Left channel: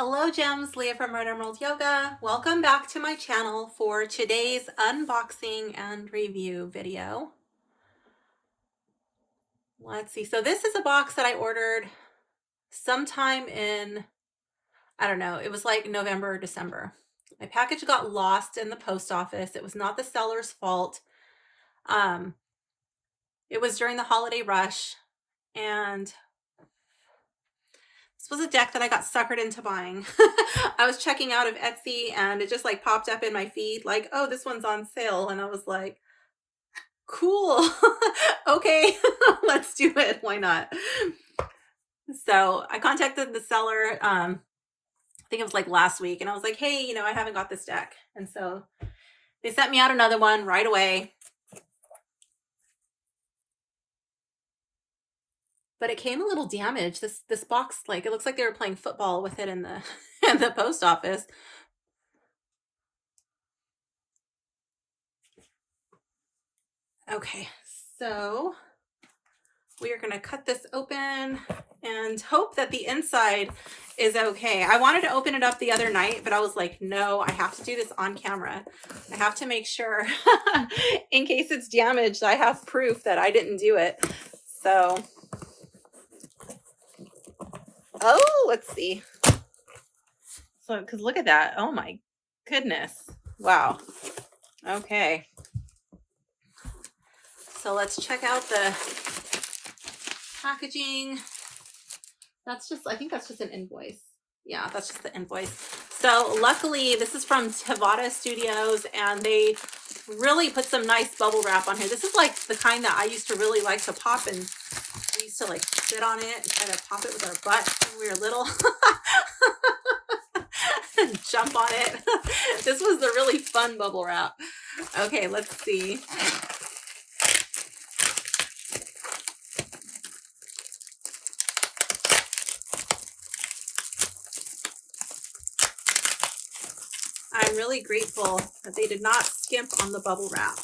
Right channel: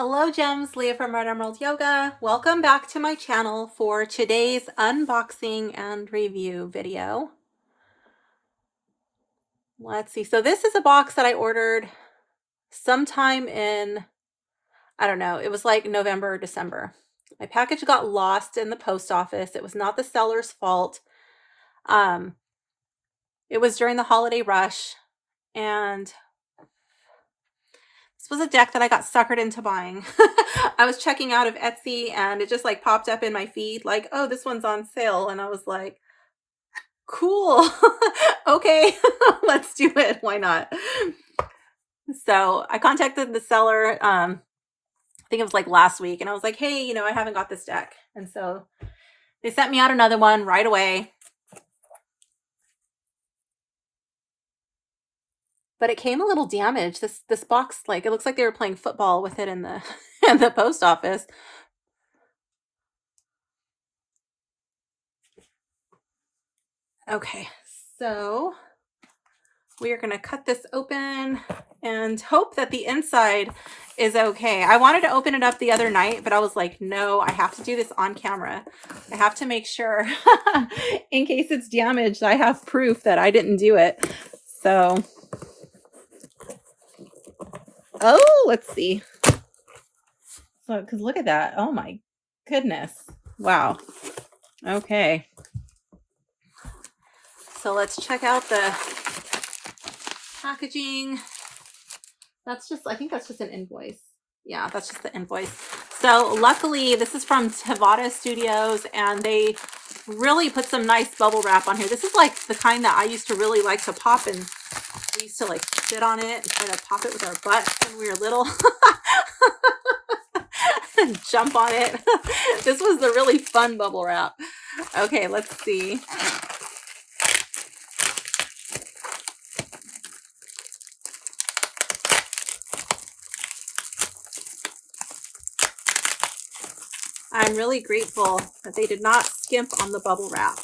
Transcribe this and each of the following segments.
Hello Gems, Leah from Red Emerald Yoga. Welcome back to my channel for today's unboxing and review video. Let's see, so this is a box that I ordered sometime in, I don't know, it was like November or December. My package got lost in the post office. It was not the seller's fault. Um, it was during the holiday rush, and this was a deck that I got suckered into buying. I was checking out of Etsy and it just like popped up in my feed like, oh, this one's on sale. And I was like, cool. Okay, let's do it. Why not? So I contacted the seller, I think it was like last week, and I was like, hey, I haven't got this deck. And so they sent me out another one right away. But it came a little damaged. This box, like it looks like they were playing football with it in the in the post office. Okay, so we are going to cut this open and hope that the inside is okay. I wanted to open it up the other night, but I was like, no, I have to do this on camera. I have to make sure in case it's damaged, I have proof that I didn't do it. So, oh, let's see. So, because look at that. Oh my goodness. Wow. Okay. So let's check out the packaging. I think that's just an invoice. Yeah, that's just the invoice. So luckily this is from Tabata Studios and they really put some nice bubble wrap on here. This is like the kind that I used to really like to pop, and we used to like sit on it and try to pop it with our butt when we were little. And jump on it. This was the really fun bubble wrap. Okay, let's see. I'm really grateful that they did not skimp on the bubble wrap.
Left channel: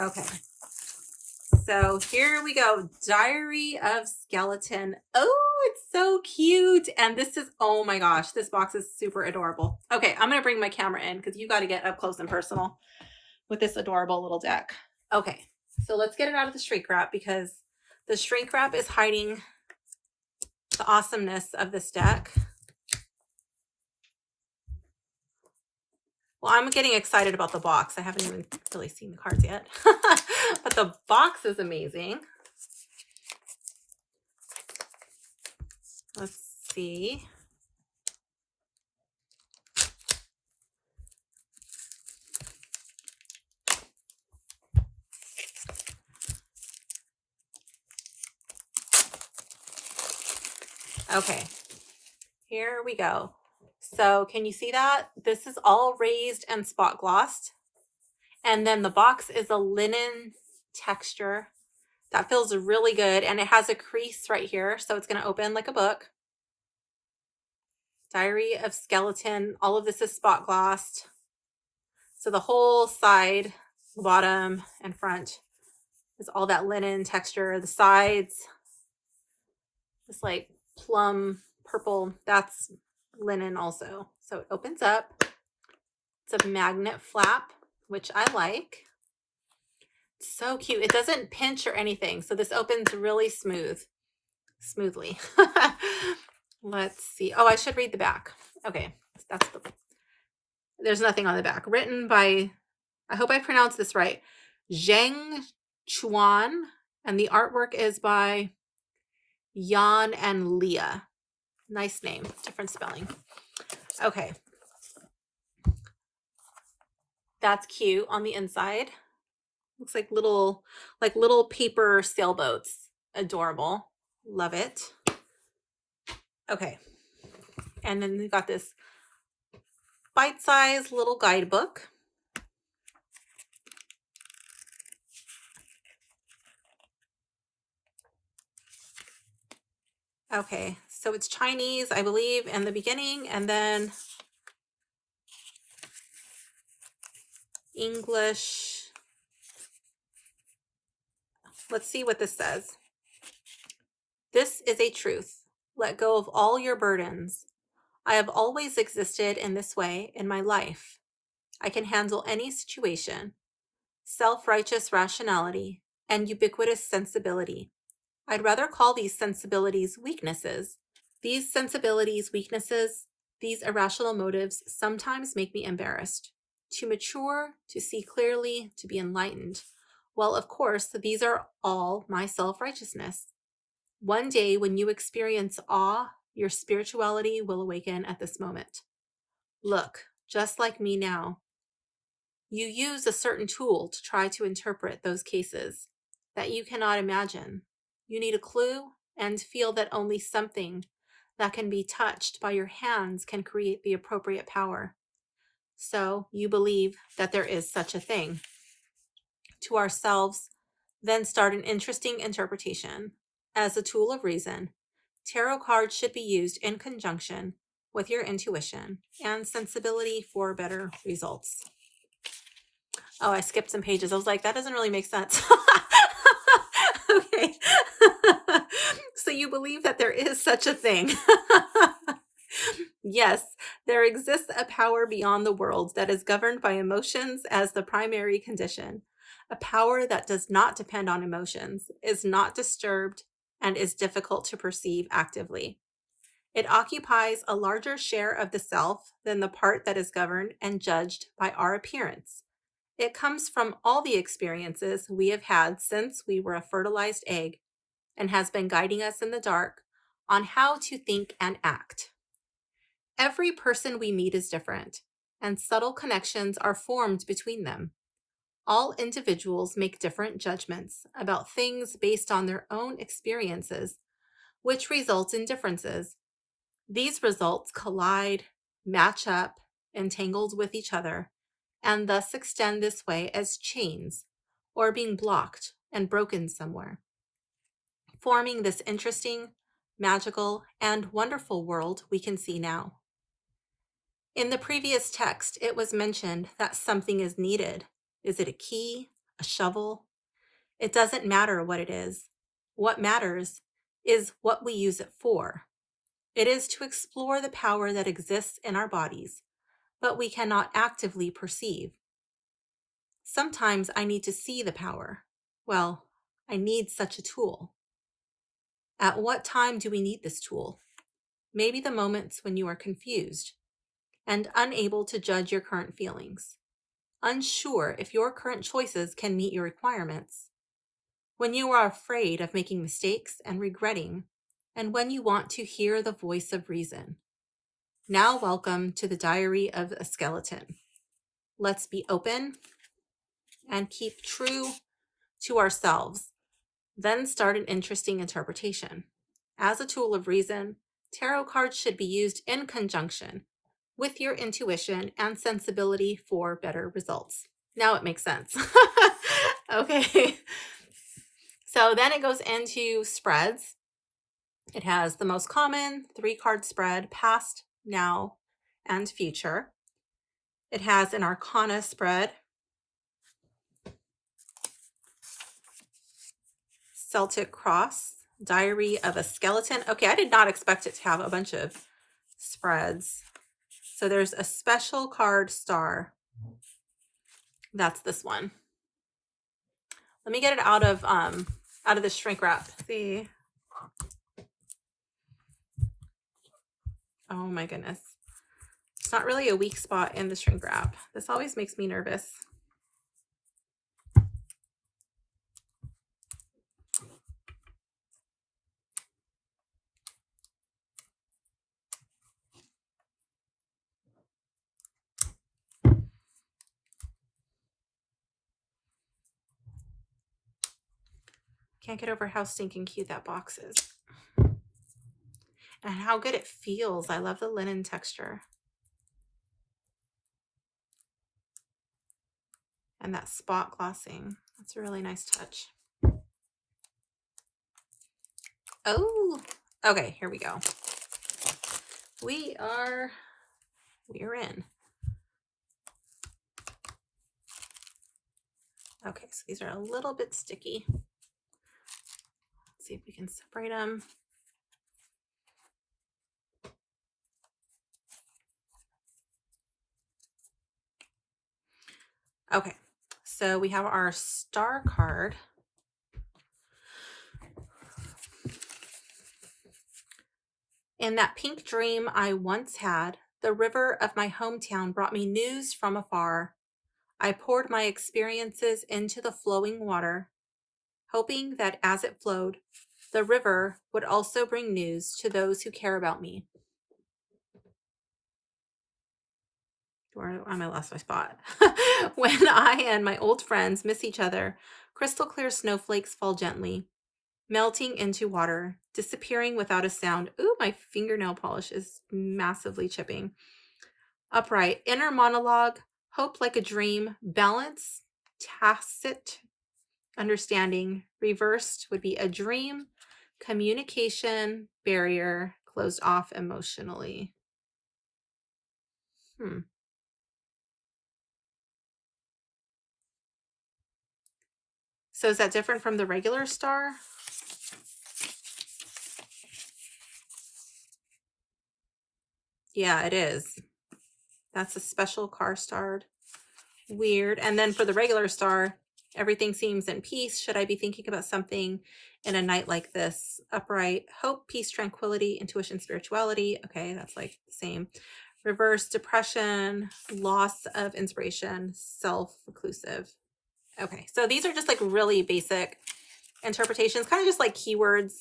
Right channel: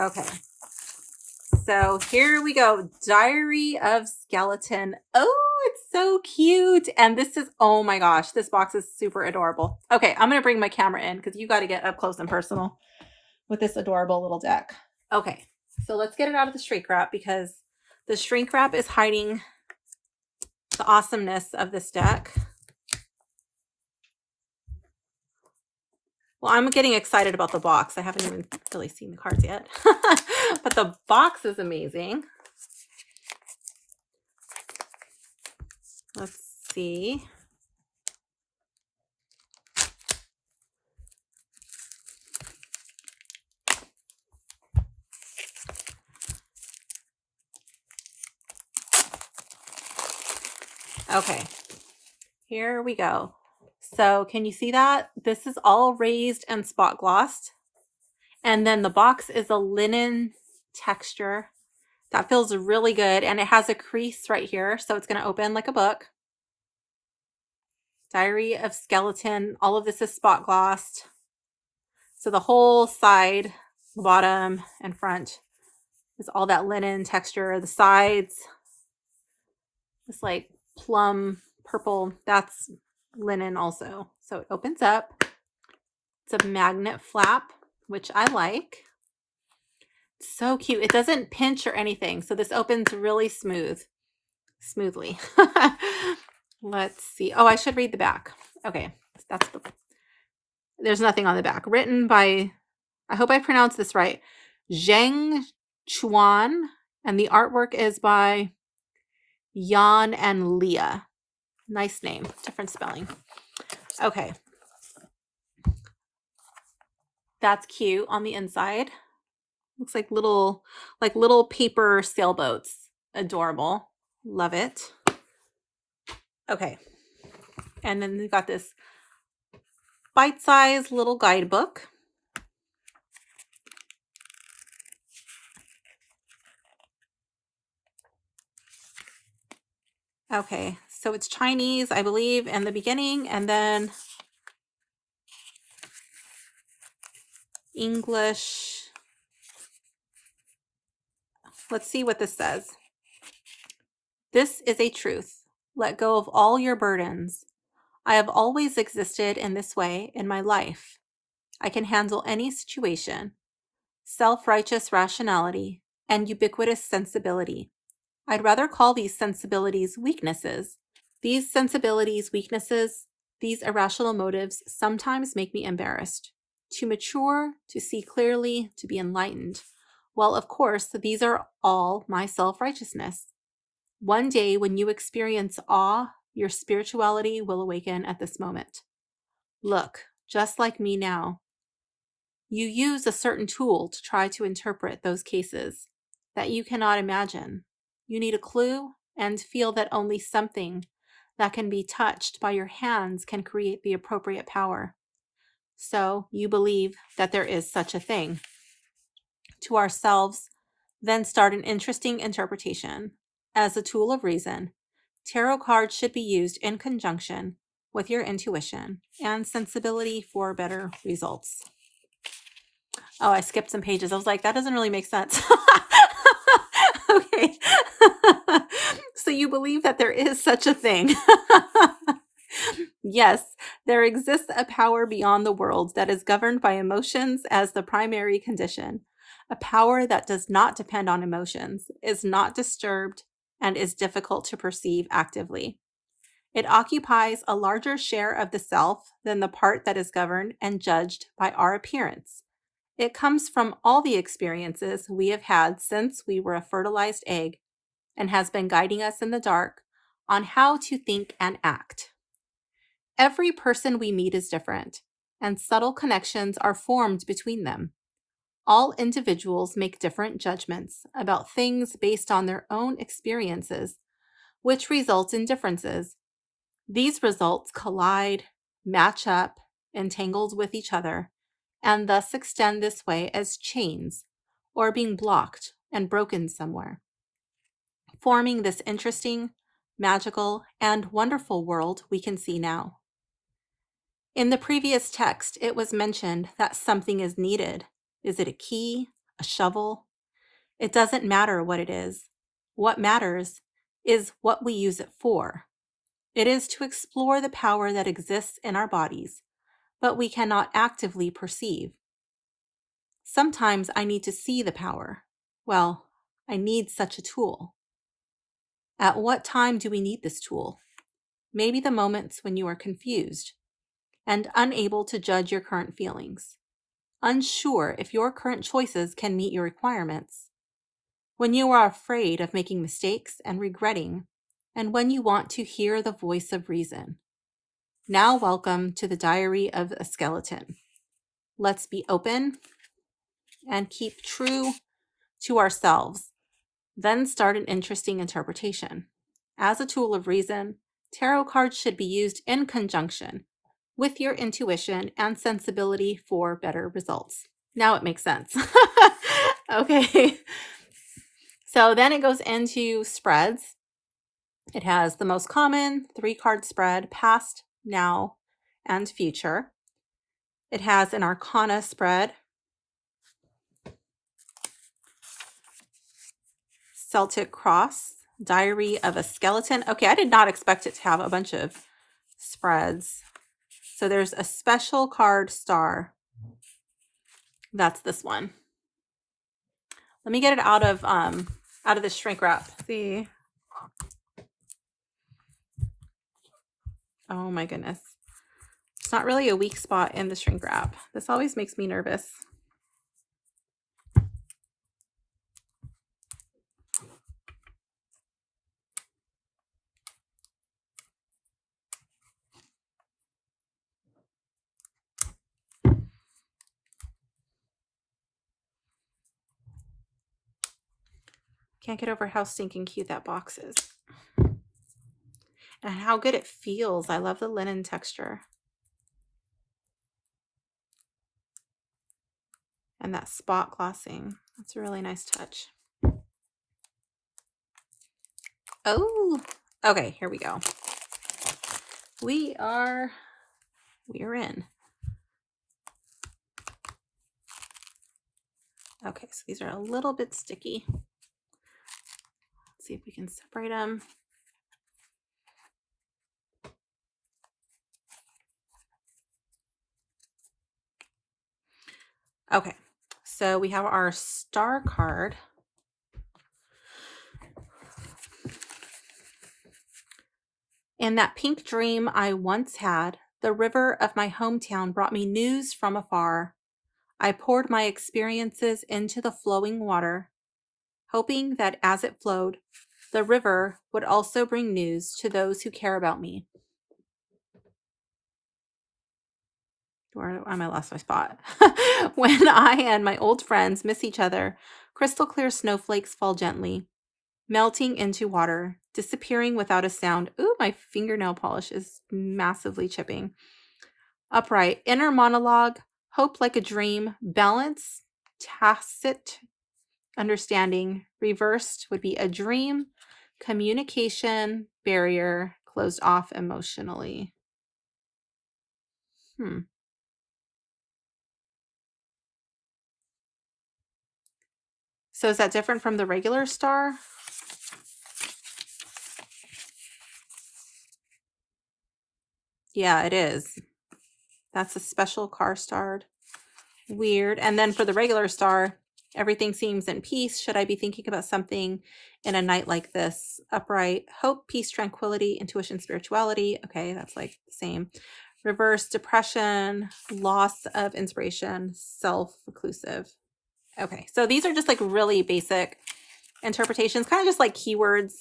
Okay. So here we go. Diary of Skeleton. Oh, it's so cute. And this is, oh my gosh, this box is super adorable. Okay, I'm going to bring my camera in because you got to get up close and personal with this adorable little deck. Okay, so let's get it out of the shrink wrap because the shrink wrap is hiding the awesomeness of this deck. Well, I'm getting excited about the box. I haven't even really seen the cards yet. But the box is amazing. Let's see. Okay, here we go. So can you see that? This is all raised and spot glossed. And then the box is a linen texture. That feels really good. And it has a crease right here. So it's going to open like a book. Diary of Skeleton. All of this is spot glossed. So the whole side, bottom, and front is all that linen texture. The sides, it's like plum purple. That's linen also. So it opens up. It's a magnet flap, which I like. It's so cute. It doesn't pinch or anything. So this opens really smoothly. Let's see. Oh, I should read the back. Okay. There's nothing on the back. Written by, I hope I pronounced this right, Zhang Chuan. And the artwork is by Yan and Leah. Nice name. Different spelling. Okay. That's cute on the inside. Looks like little paper sailboats. Adorable. Love it. Okay. And then we got this bite-sized little guidebook. Okay, so it's Chinese, I believe, in the beginning, and then English Let's see what this says. This is a truth. Let go of all your burdens. I have always existed in this way in my life. I can handle any situation. Self-righteous rationality and ubiquitous sensibility. I'd rather call these sensibilities weaknesses. These sensibilities, weaknesses, these irrational motives sometimes make me embarrassed. To mature, to see clearly, to be enlightened. Well, of course, these are all my self-righteousness. One day when you experience awe, your spirituality will awaken at this moment. Look, just like me now. You use a certain tool to try to interpret those cases that you cannot imagine. You need a clue and feel that only something that can be touched by your hands can create the appropriate power. So you believe that there is such a thing. To ourselves, then start an interesting interpretation. As a tool of reason, tarot cards should be used in conjunction with your intuition and sensibility for better results. Oh, I skipped some pages. I was like, that doesn't really make sense. Okay. So you believe that there is such a thing. Yes, there exists a power beyond the world that is governed by emotions as the primary condition. A power that does not depend on emotions, is not disturbed, and is difficult to perceive actively. It occupies a larger share of the self than the part that is governed and judged by our appearance. It comes from all the experiences we have had since we were a fertilized egg and has been guiding us in the dark on how to think and act. Every person we meet is different, and subtle connections are formed between them. All individuals make different judgments about things based on their own experiences, which results in differences. These results collide, match up, entangled with each other, and thus extend this way as chains, or being blocked and broken somewhere, forming this interesting, magical, and wonderful world we can see now. In the previous text, it was mentioned that something is needed. Is it a key, a shovel? It doesn't matter what it is. What matters is what we use it for. It is to explore the power that exists in our bodies, but we cannot actively perceive. Sometimes I need to see the power. Well, I need such a tool. At what time do we need this tool? Maybe the moments when you are confused and unable to judge your current feelings, unsure if your current choices can meet your requirements, when you are afraid of making mistakes and regretting, and when you want to hear the voice of reason. Now welcome to the Diary of a Skeleton. Let's be open and keep true to ourselves, then start an interesting interpretation. As a tool of reason, tarot cards should be used in conjunction with your intuition and sensibility for better results. Now it makes sense. Okay. So then it goes into spreads. It has the most common 3-card spread, past, now, and future. It has an Arcana spread, Celtic Cross, Diary of a Skeleton. Okay, I did not expect it to have a bunch of spreads. So there's a special card star. That's this one. Let me get it out of the shrink wrap. See. Oh my goodness. It's not really a weak spot in the shrink wrap. This always makes me nervous. Can't get over how stinking cute that box is. And how good it feels. I love the linen texture. And that spot glossing. That's a really nice touch. Oh, okay, here we go. We're in. Okay, so these are a little bit sticky. see if we can separate them. Okay, so we have our star card. In that pink dream I once had, the river of my hometown brought me news from afar. I poured my experiences into the flowing water, hoping that as it flowed, the river would also bring news to those who care about me. Or I might lost my spot. When I and my old friends miss each other, crystal clear snowflakes fall gently, melting into water, disappearing without a sound. Ooh, my fingernail polish is massively chipping. Upright, inner monologue, hope like a dream, balance, tacit understanding. Reversed would be a dream, communication, barrier, closed off emotionally. So is that different from the regular star? Yeah, it is. That's a special car starred. Weird. And then for the regular star, everything seems in peace. Should I be thinking about something in a night like this? Upright, hope, peace, tranquility, intuition, spirituality. Okay, that's like the same. Reverse, depression, loss of inspiration, self-reclusive. Okay, so these are just like really basic interpretations, kind of just like keywords.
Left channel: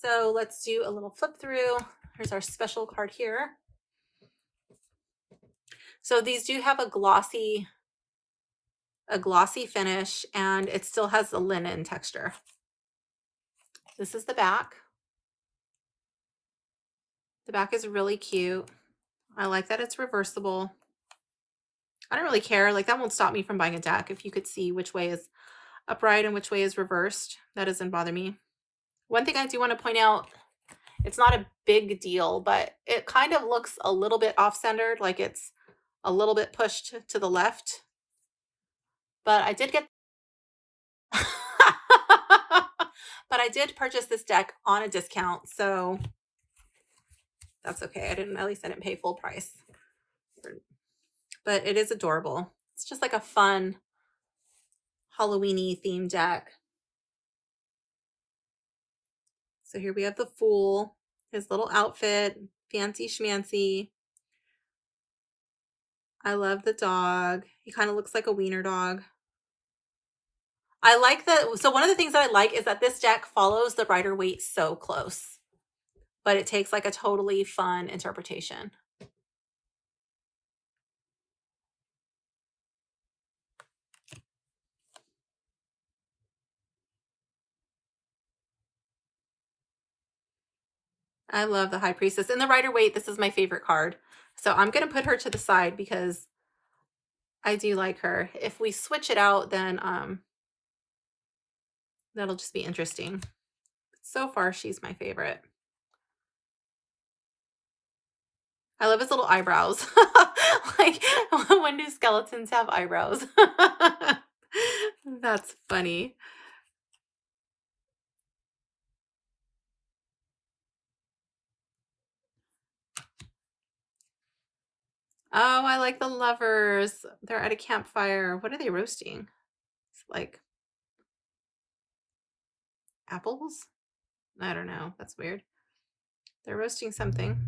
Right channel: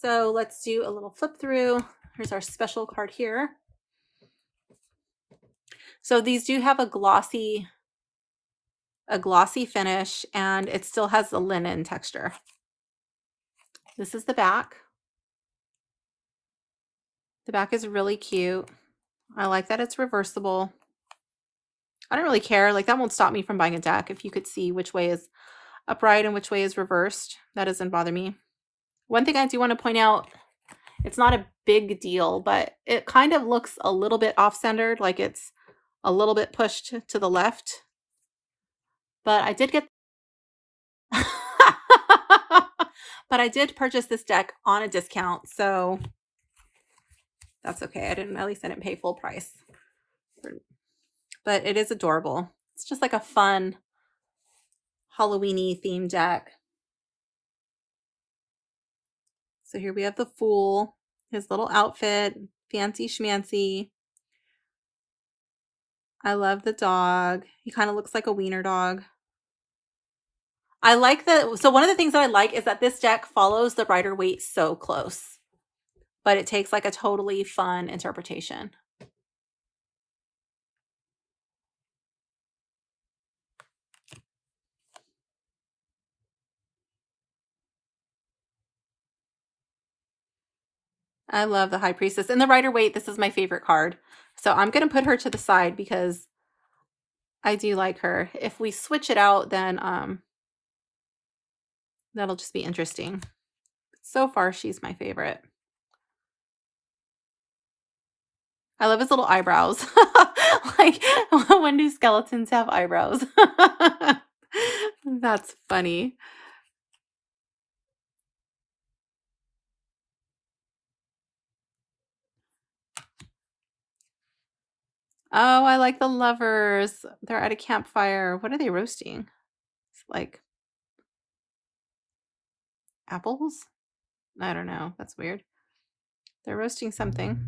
So let's do a little flip through. Here's our special card here. So these do have a glossy finish, and it still has the linen texture. This is the back. The back is really cute. I like that it's reversible. I don't really care. Like, that won't stop me from buying a deck. If you could see which way is upright and which way is reversed, that doesn't bother me. One thing I do want to point out, it's not a big deal, but it kind of looks a little bit off-centered, like it's a little bit pushed to the left. But I did get but I did purchase this deck on a discount, so that's okay. At least I didn't pay full price. But it is adorable. It's just like a fun Halloween-y themed deck. So here we have the Fool, his little outfit, fancy schmancy. I love the dog. He kind of looks like a wiener dog. I like so one of the things that I like is that this deck follows the Rider-Waite so close, but it takes like a totally fun interpretation. I love the High Priestess. And the Rider-Waite, this is my favorite card. So I'm going to put her to the side because I do like her. If we switch it out, then that'll just be interesting. So far, she's my favorite. I love his little eyebrows. Like, when do skeletons have eyebrows? That's funny. Oh, I like the lovers. They're at a campfire. What are they roasting? It's like apples? I don't know. That's weird. They're roasting something.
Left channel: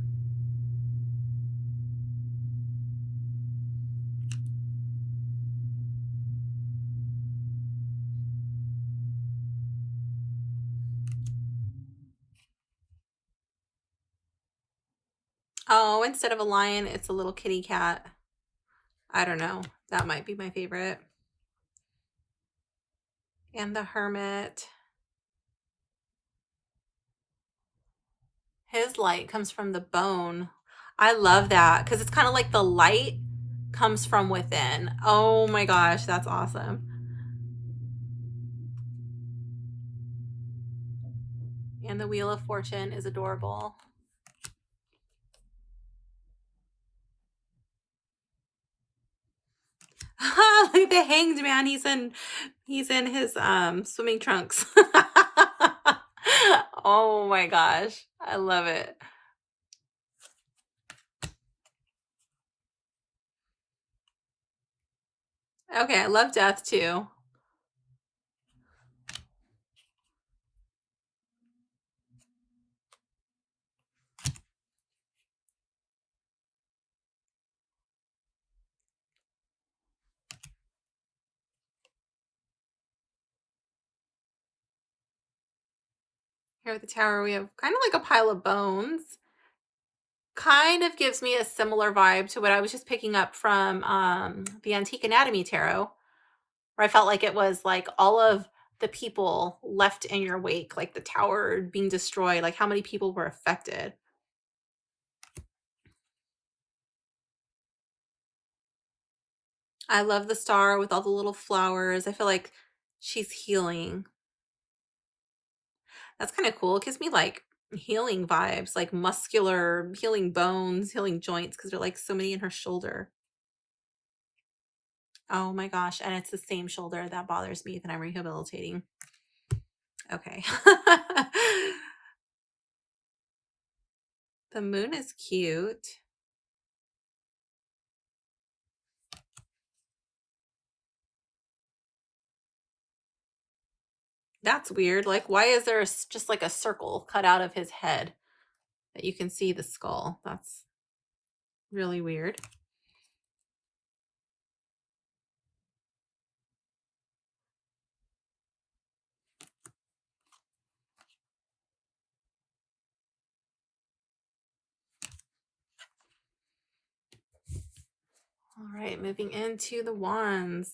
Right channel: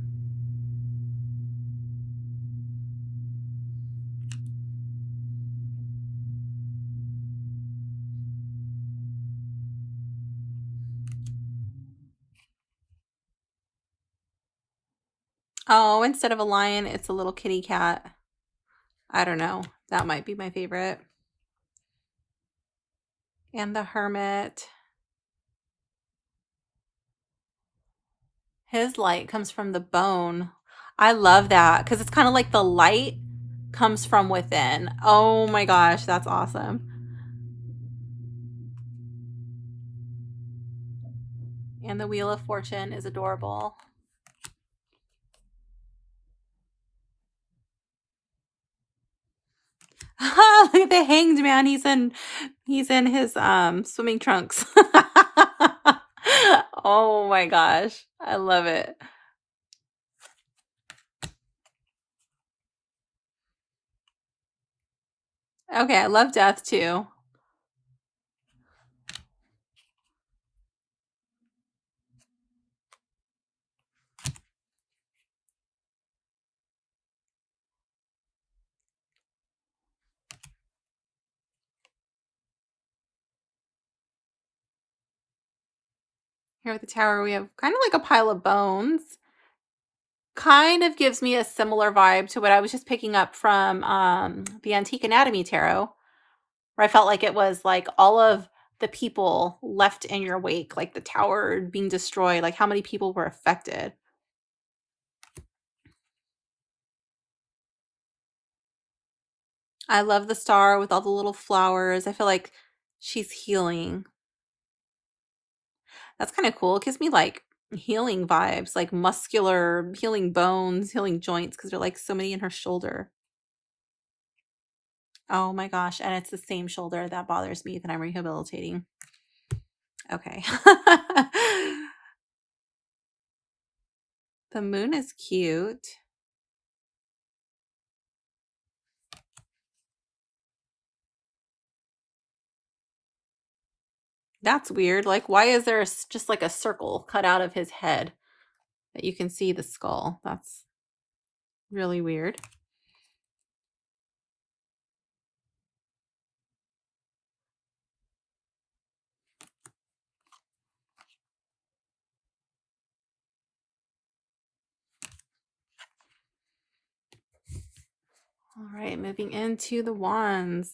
Oh, instead of a lion, it's a little kitty cat. I don't know. That might be my favorite. And the hermit. His light comes from the bone. I love that because it's kind of like the light comes from within. Oh my gosh, that's awesome. And the Wheel of Fortune is adorable. Look at the hanged man. He's in his swimming trunks. Oh my gosh. I love it. Okay, I love death too. Here at the tower, we have kind of like a pile of bones. Kind of gives me a similar vibe to what I was just picking up from the Antique Anatomy Tarot, where I felt like it was like all of the people left in your wake, like the tower being destroyed, like how many people were affected. I love the star with all the little flowers. I feel like she's healing. That's kind of cool. It gives me like healing vibes, like muscular, healing bones, healing joints, because there are like so many in her shoulder. Oh my gosh. And it's the same shoulder that bothers me that I'm rehabilitating. Okay. The moon is cute. That's weird. Like, why is there just like a circle cut out of his head that you can see the skull? That's really weird. All right, moving into the wands.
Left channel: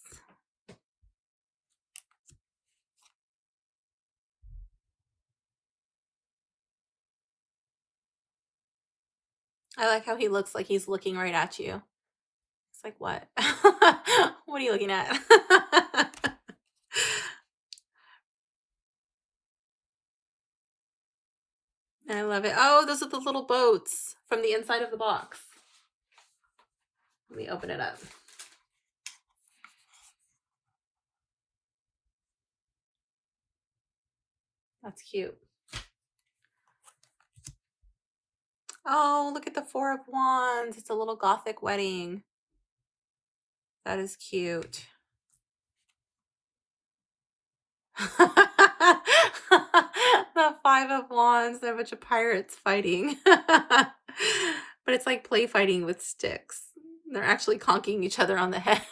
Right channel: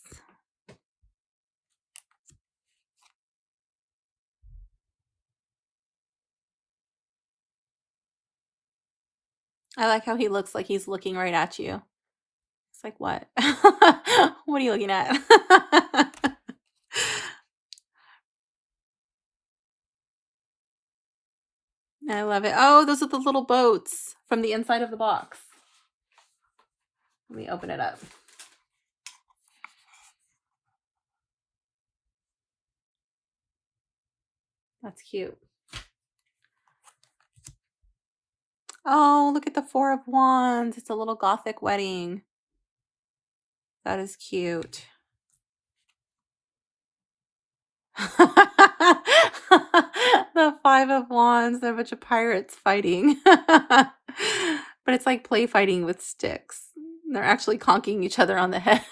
I like how he looks like he's looking right at you. It's like, what? What are you looking at? I love it. Oh, those are the little boats from the inside of the box. Let me open it up. That's cute. Oh, look at the Four of Wands. It's a little gothic wedding. That is cute. The Five of Wands. They're a bunch of pirates fighting. But it's like play fighting with sticks. They're actually conking each other on the head.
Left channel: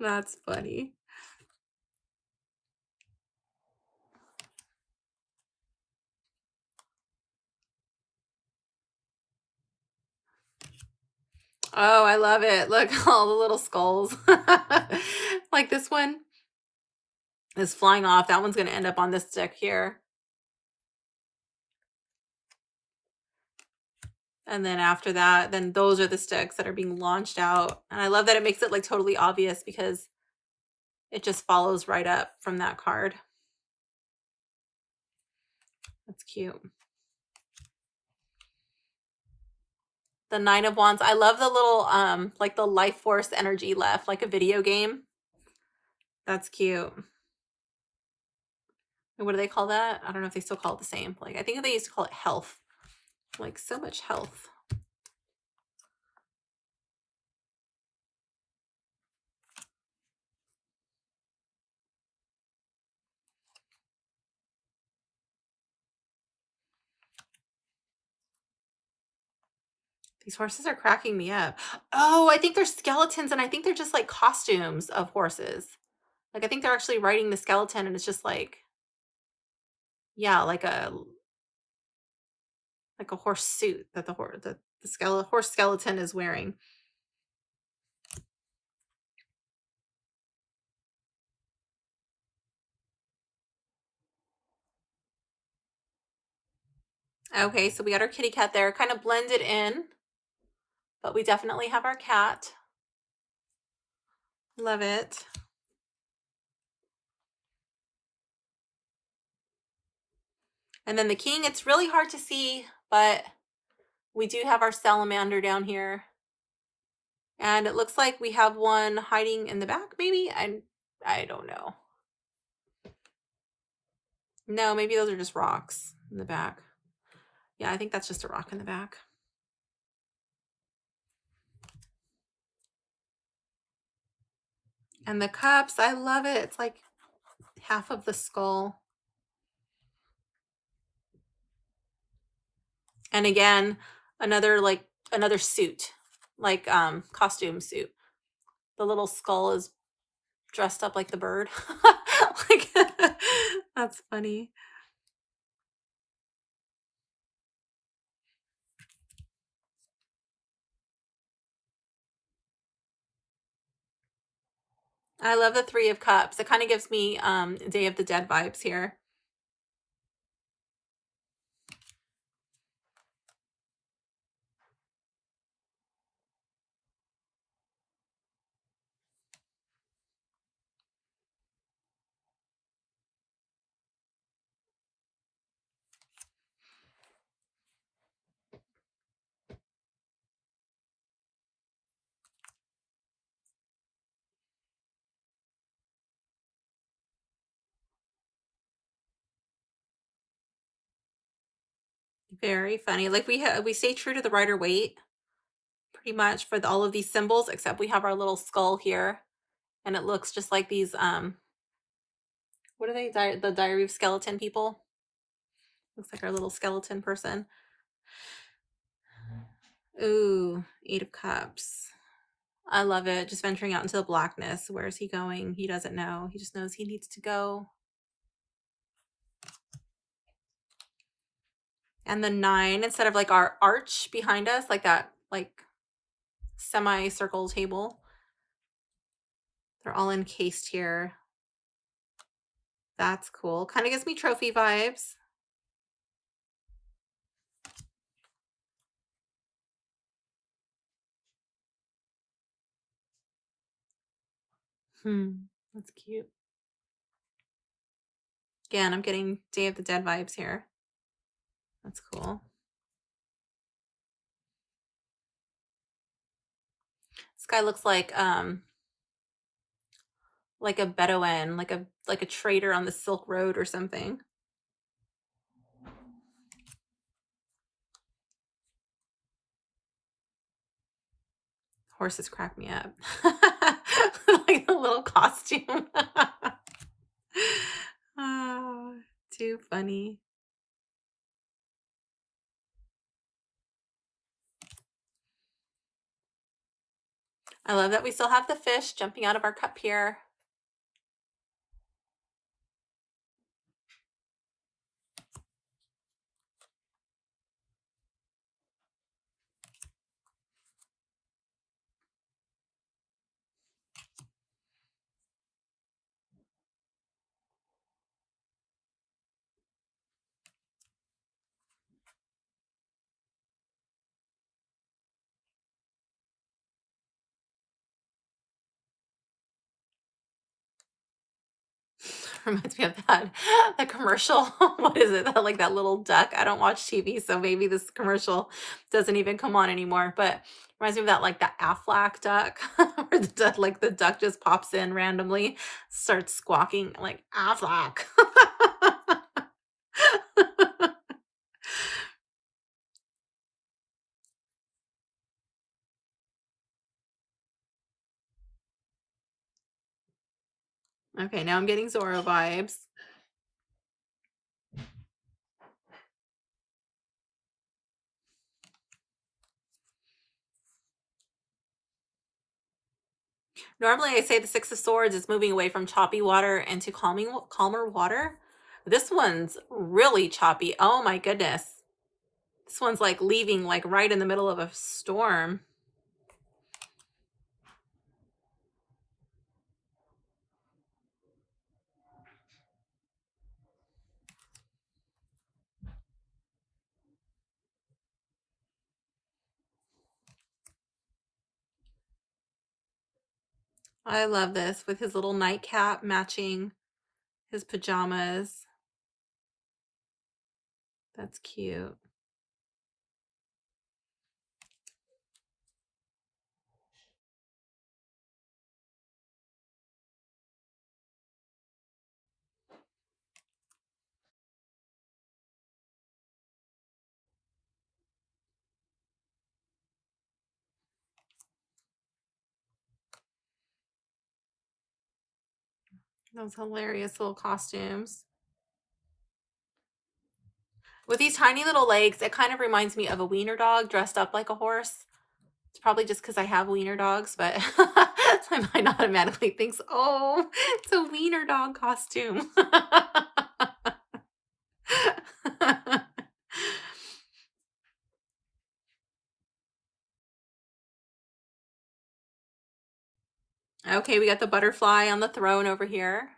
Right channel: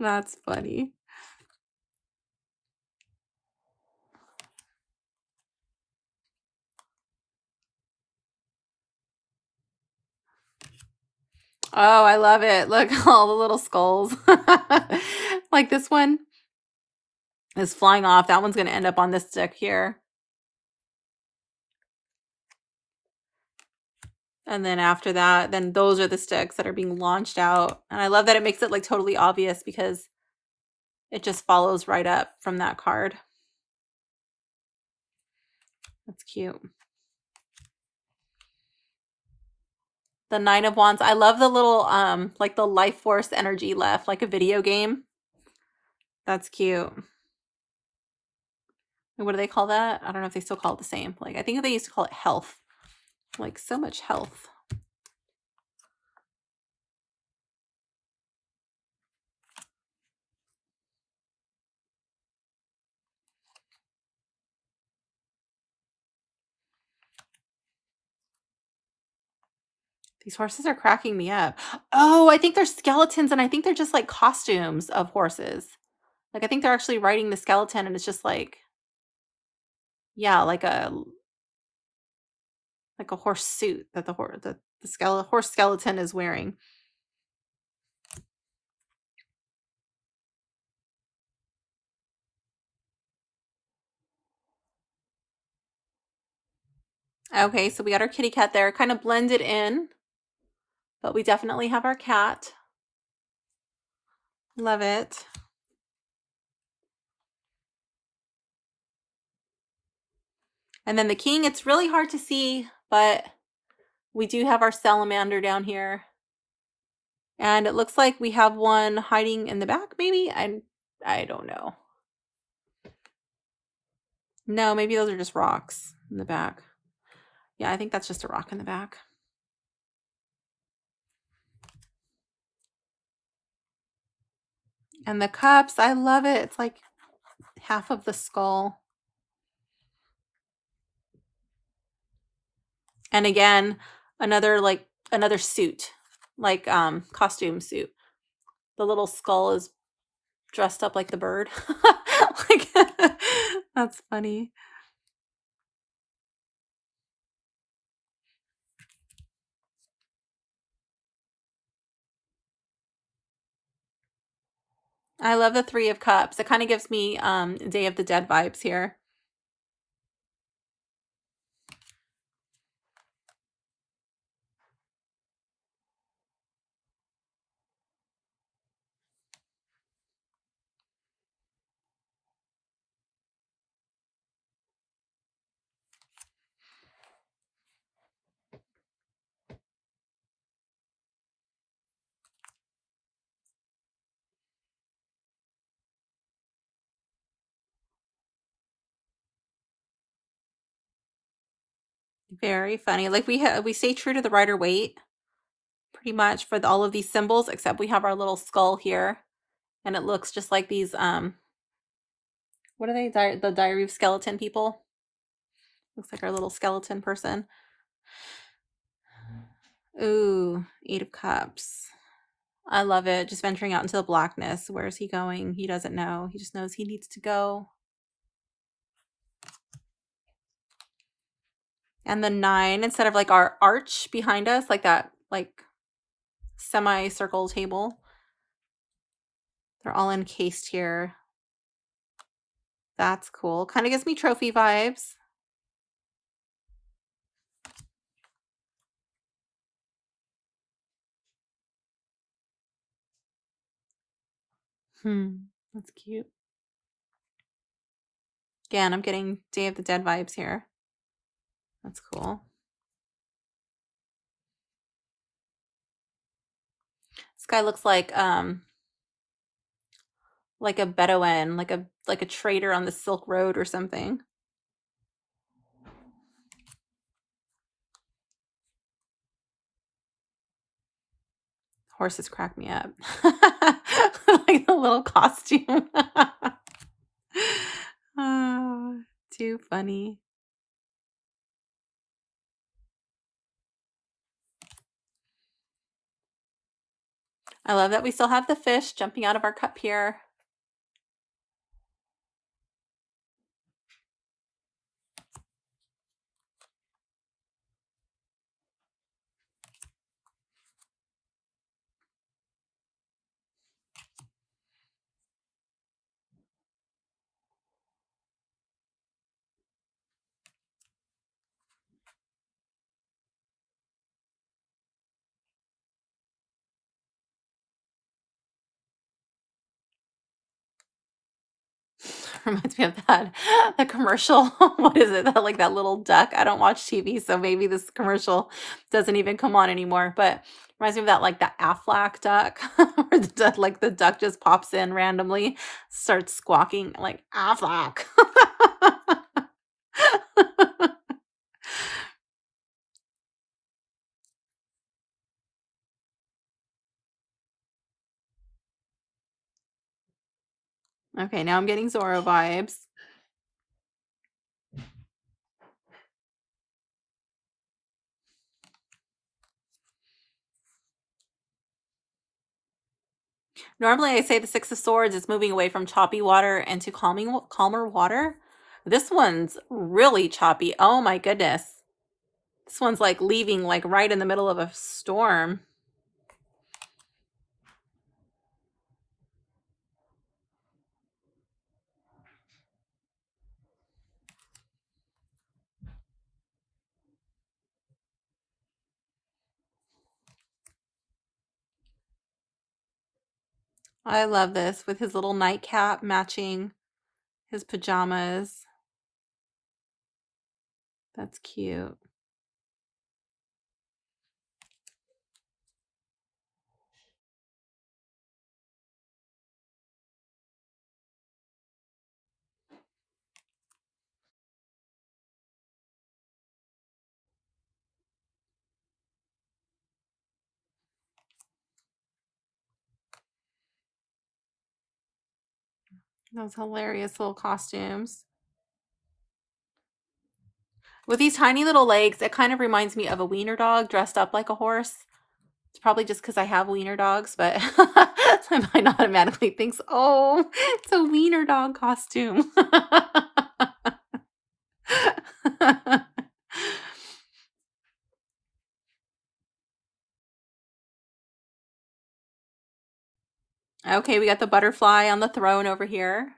That's funny. Oh, I love it. Look, all the little skulls. Like this one is flying off. That one's going to end up on this stick here. And then after that, then those are the sticks that are being launched out. And I love that it makes it like totally obvious because it just follows right up from that card. That's cute. The Nine of Wands. I love the little like the life force energy left, like a video game. That's cute. What do they call that? I don't know if they still call it the same. Like I think they used to call it health. Like so much health. These horses are cracking me up. Oh, I think they're skeletons and I think they're just like costumes of horses. Like I think they're actually riding the skeleton and it's just like, yeah, like a horse suit that the horse skeleton is wearing. Okay, so we got our kitty cat there, kind of blended in, but we definitely have our cat. Love it. And then the king, it's really hard to see, but we do have our salamander down here. And it looks like we have one hiding in the back, maybe? I don't know. No, maybe those are just rocks in the back. Yeah, I think that's just a rock in the back. And the cups, I love it. It's like half of the skull. And again, another suit, like costume suit. The little skull is dressed up like the bird. Like that's funny. I love the Three of Cups. It kind of gives me Day of the Dead vibes here. Very funny. Like we stay true to the Rider Waite pretty much for all of these symbols, except we have our little skull here, and it looks just like these what are they? The Diary of Skeleton people. Looks like our little skeleton person. Ooh, Eight of Cups. I love it. Just venturing out into the blackness. Where is he going? He doesn't know. He just knows he needs to go. And the 9, instead of like our arch behind us, like that, like semicircle table, they're all encased here. That's cool. Kind of gives me trophy vibes. That's cute. Again, I'm getting Day of the Dead vibes here. That's cool. This guy looks like a Bedouin, like a trader on the Silk Road or something. Horses crack me up. Like the little costume. Oh, too funny. I love that we still have the fish jumping out of our cup here. Reminds me of that the commercial. What is it? That like that little duck. I don't watch TV, so maybe this commercial doesn't even come on anymore. But reminds me of that like the Aflac duck, where the duck, like the duck just pops in randomly, starts squawking like Aflac. Okay, now I'm getting Zorro vibes. Normally, I say the Six of Swords is moving away from choppy water into calmer water. This one's really choppy. Oh my goodness. This one's like leaving like right in the middle of a storm. I love this with his little nightcap matching his pajamas. That's cute. Those hilarious little costumes. With these tiny little legs, it kind of reminds me of a wiener dog dressed up like a horse. It's probably just because I have wiener dogs, but my mind automatically thinks, oh, it's a wiener dog costume. Okay, we got the butterfly on the throne over here.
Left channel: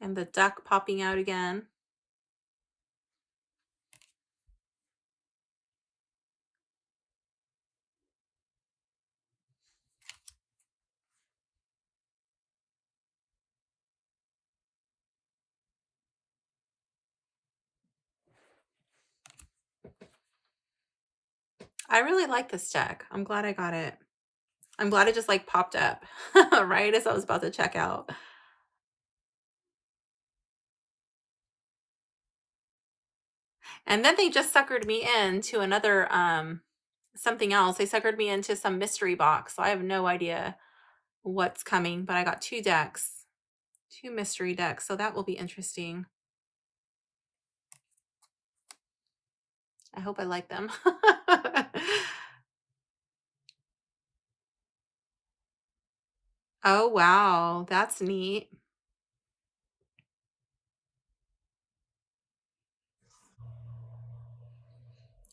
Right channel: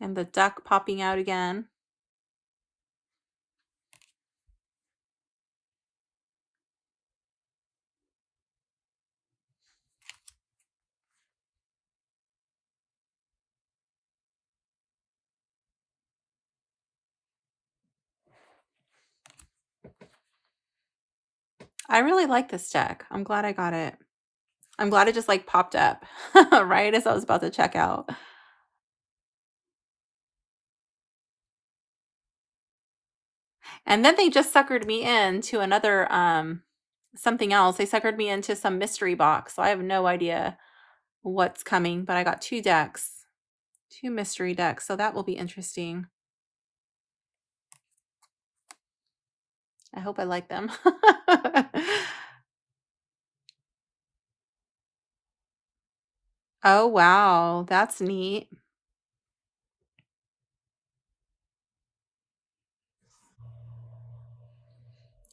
And the duck popping out again. I really like this deck. I'm glad I got it. I'm glad it just like popped up right as I was about to check out. And then they just suckered me into another something else. They suckered me into some mystery box. So I have no idea what's coming, but I got 2 decks. 2 mystery decks. So that will be interesting. I hope I like them. Oh, wow. That's neat.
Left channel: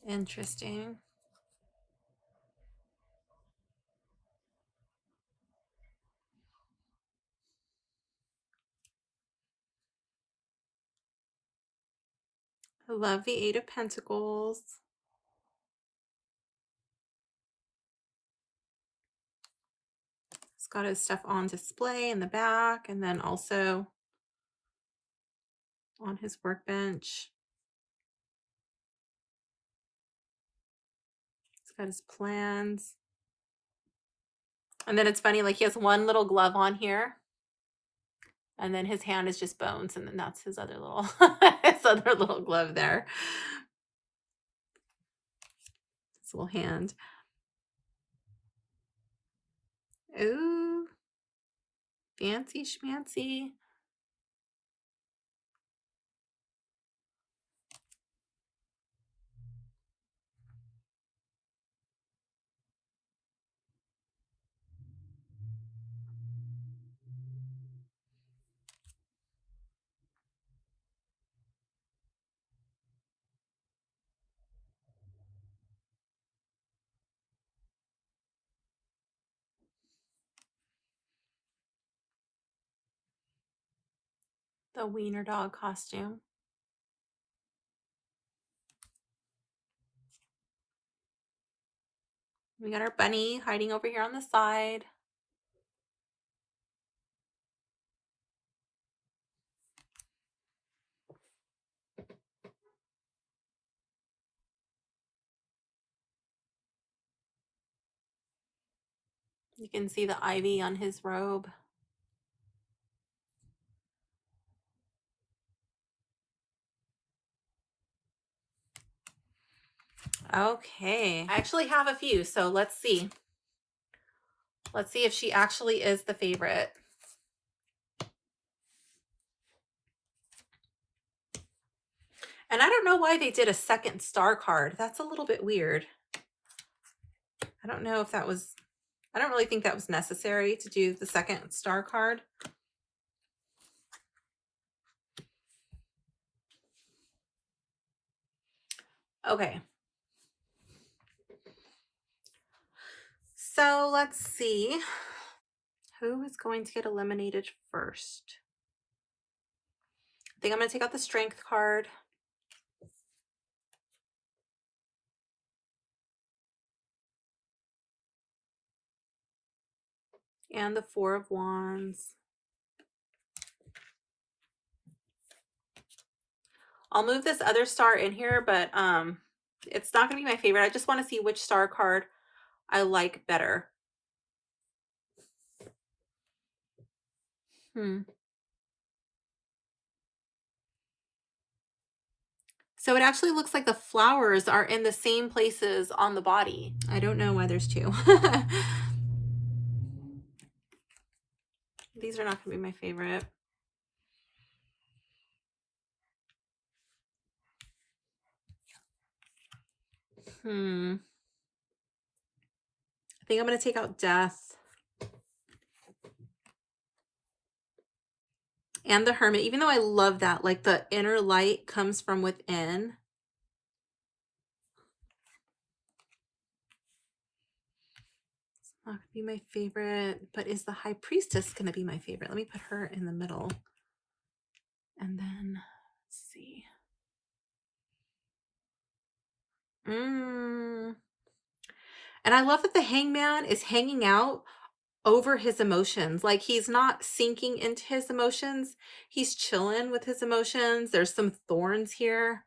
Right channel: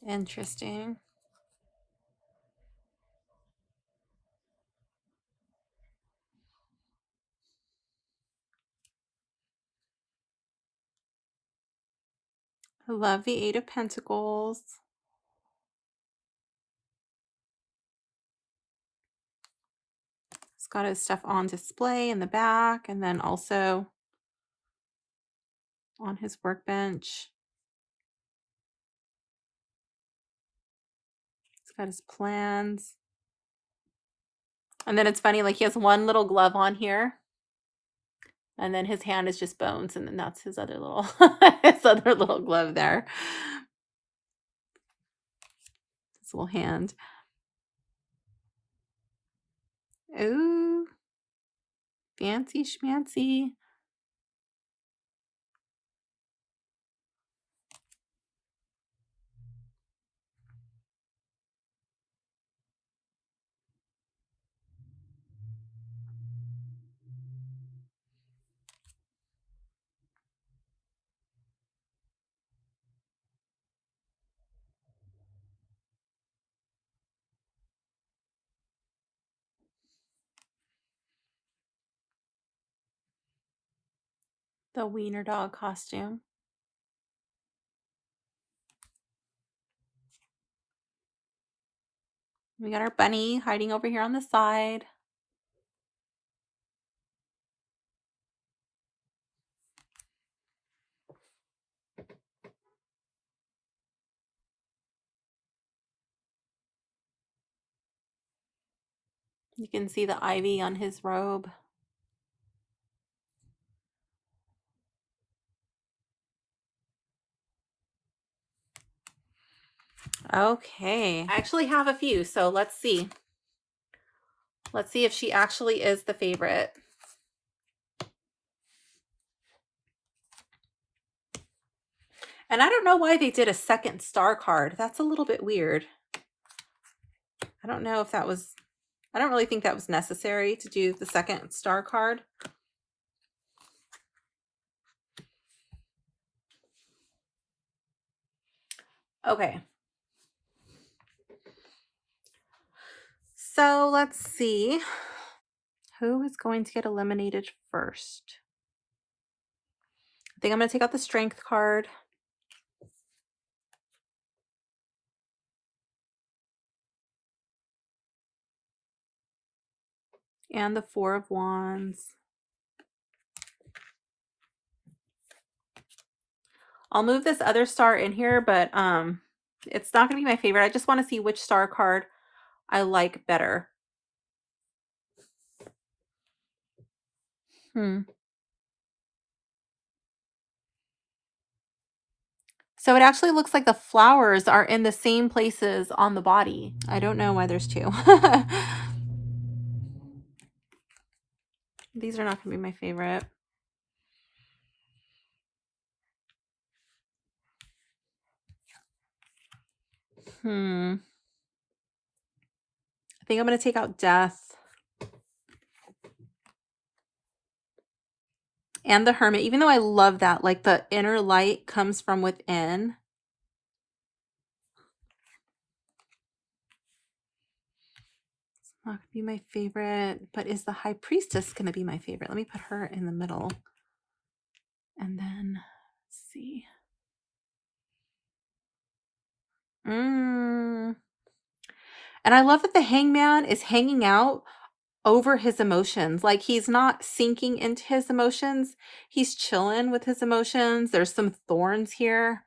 Interesting. I love the 8 of Pentacles. He's got his stuff on display in the back and then also on his workbench. He's got his plans. And then it's funny, like he has one little glove on here. And then his hand is just bones, and then that's his other little his other little glove there. His little hand. Ooh. Fancy schmancy. The wiener dog costume. We got our bunny hiding over here on the side. You can see the ivy on his robe. Okay, I actually have a few, so let's see. Let's see if she actually is the favorite. And I don't know why they did a second star card. That's a little bit weird. I don't know if that was, I don't really think that was necessary to do the second star card. Okay. So let's see. Who is going to get eliminated first? I think I'm going to take out the strength card. And the 4 of Wands. I'll move this other star in here, but it's not going to be my favorite. I just want to see which star card I like better. So it actually looks like the flowers are in the same places on the body. I don't know why there's two. These are not going to be my favorite. I think I'm going to take out death and the hermit, even though I love that, like the inner light comes from within. It's not going to be my favorite, but is the high priestess going to be my favorite? Let me put her in the middle. And then, let's see. And I love that the hangman is hanging out over his emotions. Like he's not sinking into his emotions. He's chilling with his emotions. There's some thorns here.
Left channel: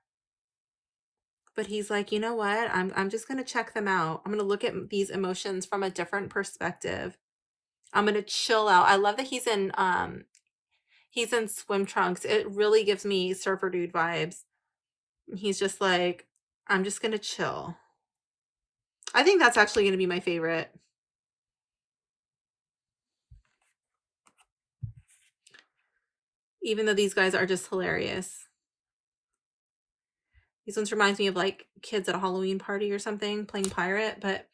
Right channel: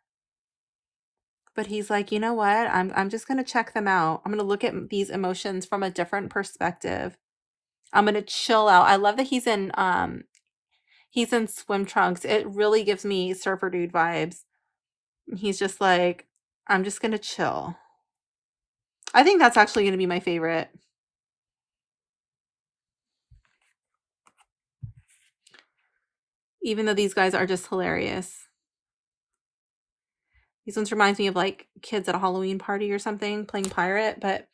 But he's like, you know what? I'm just going to check them out. I'm going to look at these emotions from a different perspective. I'm going to chill out. I love that he's in swim trunks. It really gives me surfer dude vibes. He's just like, I'm just going to chill. I think that's actually going to be my favorite. Even though these guys are just hilarious. These ones reminds me of like kids at a Halloween party or something playing pirate, but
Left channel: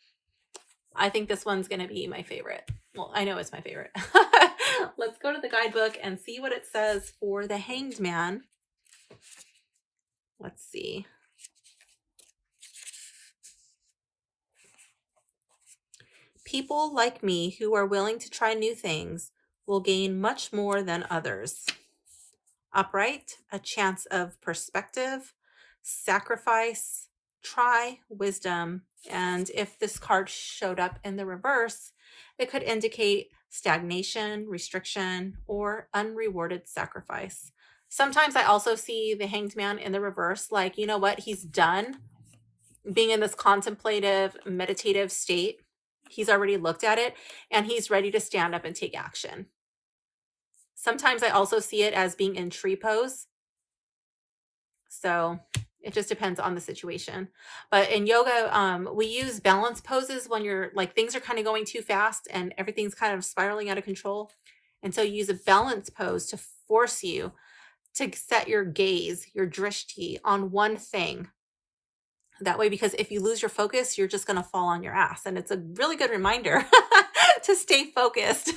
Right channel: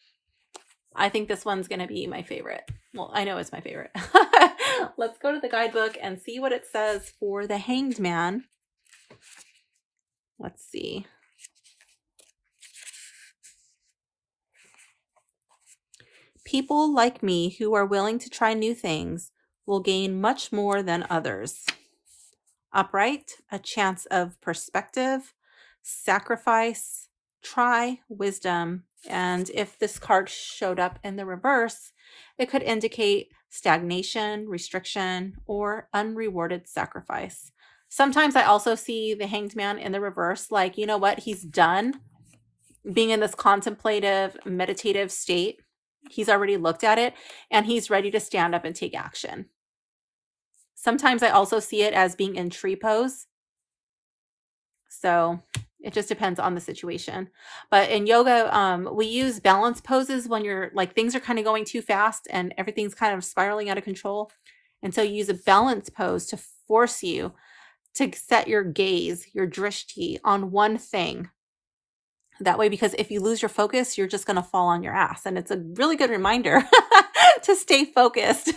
I think this one's going to be my favorite. Well, I know it's my favorite. Let's go to the guidebook and see what it says for the Hanged Man. Let's see. People like me who are willing to try new things will gain much more than others. Upright, a chance of perspective, sacrifice, try, wisdom, and if this card showed up in the reverse, it could indicate stagnation, restriction, or unrewarded sacrifice. Sometimes I also see the Hanged Man in the reverse, like, you know what, he's done being in this contemplative, meditative state. He's already looked at it, and he's ready to stand up and take action. Sometimes I also see it as being in tree pose. So it just depends on the situation. But in yoga, we use balance poses when you're like things are kind of going too fast and everything's kind of spiraling out of control. And so you use a balance pose to force you to set your gaze, your drishti, on one thing. That way, because if you lose your focus, you're just going to fall on your ass. And it's a really good reminder to stay focused,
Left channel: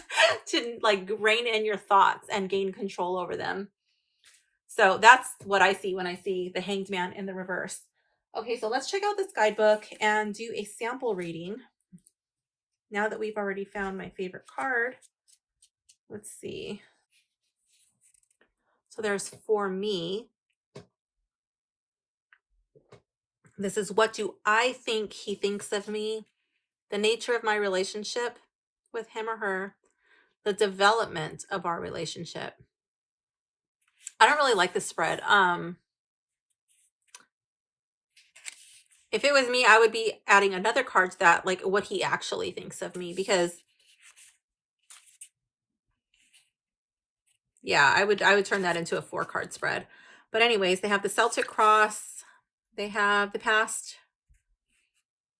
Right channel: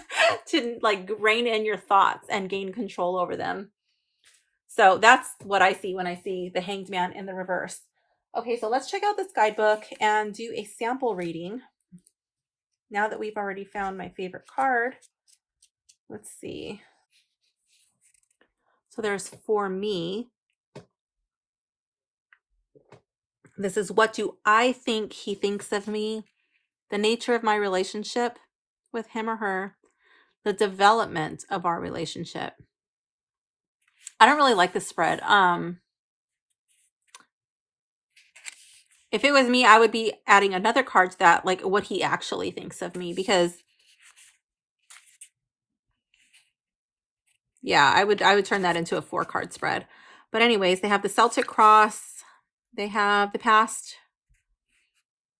to like rein in your thoughts and gain control over them. So that's what I see when I see the Hanged Man in the reverse. Okay, so let's check out this guidebook and do a sample reading. Now that we've already found my favorite card, let's see. So there's for me. This is what do I think he thinks of me, the nature of my relationship with him or her, the development of our relationship. I don't really like this spread. If it was me, I would be adding another card to that, like what he actually thinks of me, because yeah, I would turn that into a 4-card spread. But anyways, they have the Celtic cross, they have the past,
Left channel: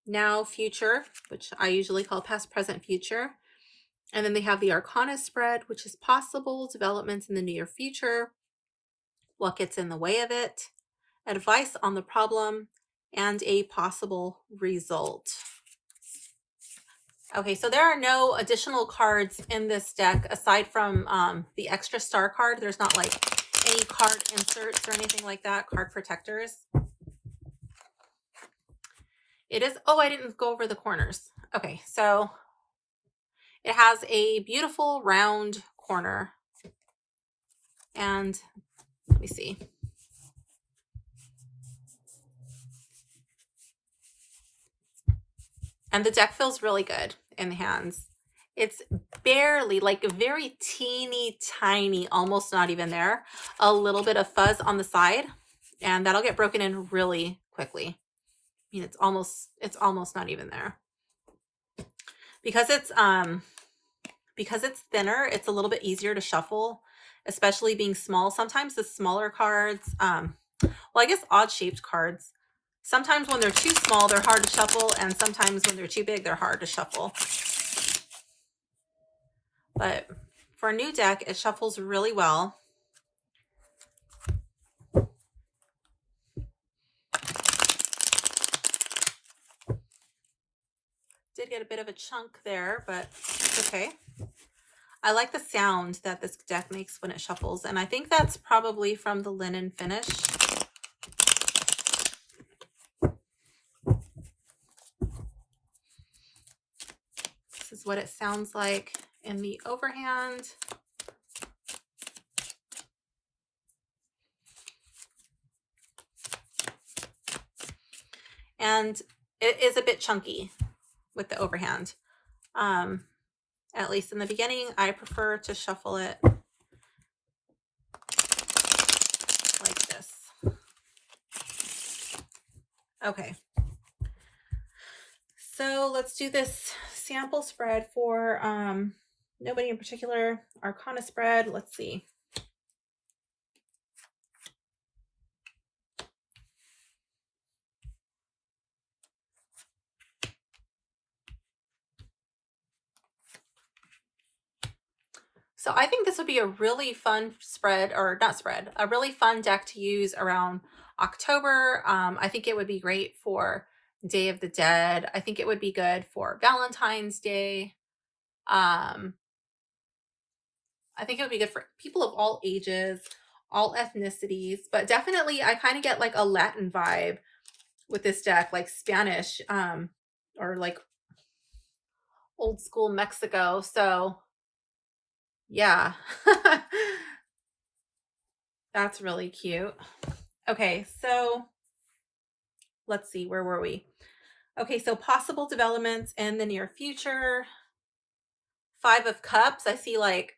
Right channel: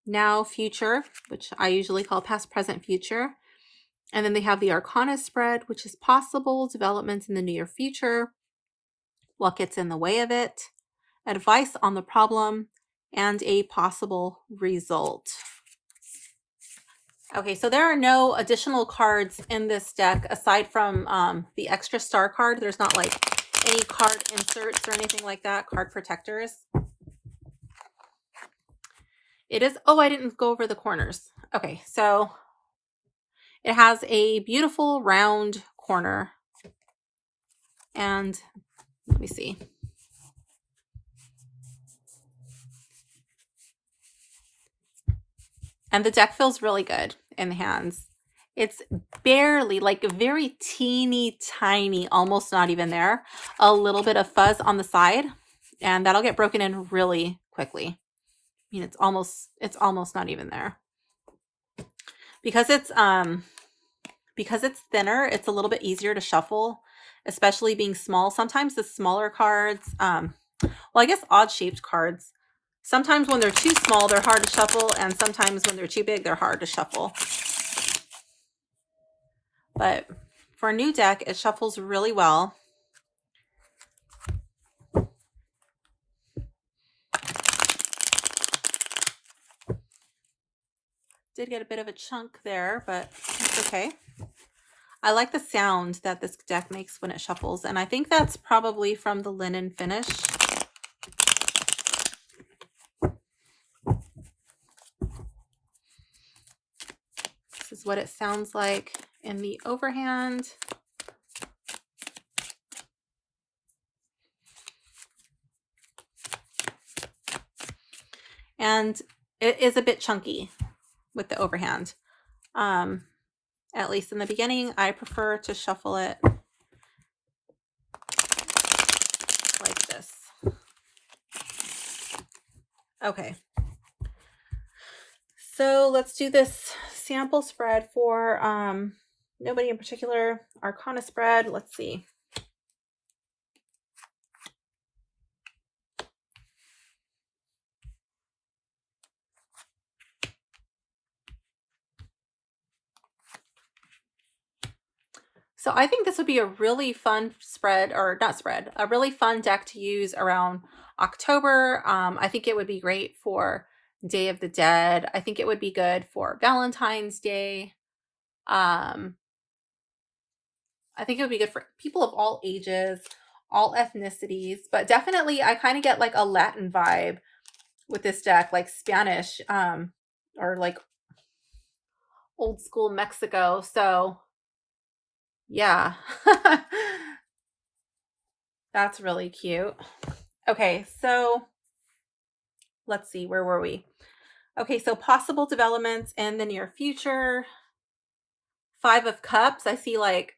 now, future, which I usually call past, present, future. And then they have the Arcana spread, which is possible developments in the near future, what gets in the way of it, advice on the problem, and a possible result. Okay, so there are no additional cards in this deck aside from the extra star card. There's not like any card inserts or anything like that, card protectors. It is, oh, I didn't go over the corners. Okay, so it has a beautiful round corner. And let me see. And the deck feels really good in the hands. It's barely, like a very teeny tiny, almost not even there, a little bit of fuzz on the side, and that'll get broken in really quickly. I mean, it's almost not even there. Because it's Because it's thinner, it's a little bit easier to shuffle, especially being small. Sometimes the smaller cards, well, I guess odd shaped cards, sometimes when they're too small, they're hard to shuffle, and sometimes when they're too big, they're hard to shuffle. But for a new deck, it shuffles really well. Did get a bit of a chunk there, but okay. I like the sound that this deck makes when it shuffles, and I think that's probably from the linen finish. This is what it sounds like in the overhand. And it is a bit chunky with the overhand. At least in the beginning, I prefer to shuffle it like this. Okay. So let's do this sample spread for nobody in particular, Arcana spread. Let's see. So I think this would be a really fun spread, or not spread, a really fun deck to use around October. I think it would be great for Day of the Dead. I think it would be good for Valentine's Day. I think it would be good for people of all ages, all ethnicities, but definitely I kind of get like a Latin vibe with this deck, like Spanish, or like old school Mexico. So yeah. That's really cute. Okay, so let's see, where were we? Okay, so possible developments in the near future. 5 of Cups. I see like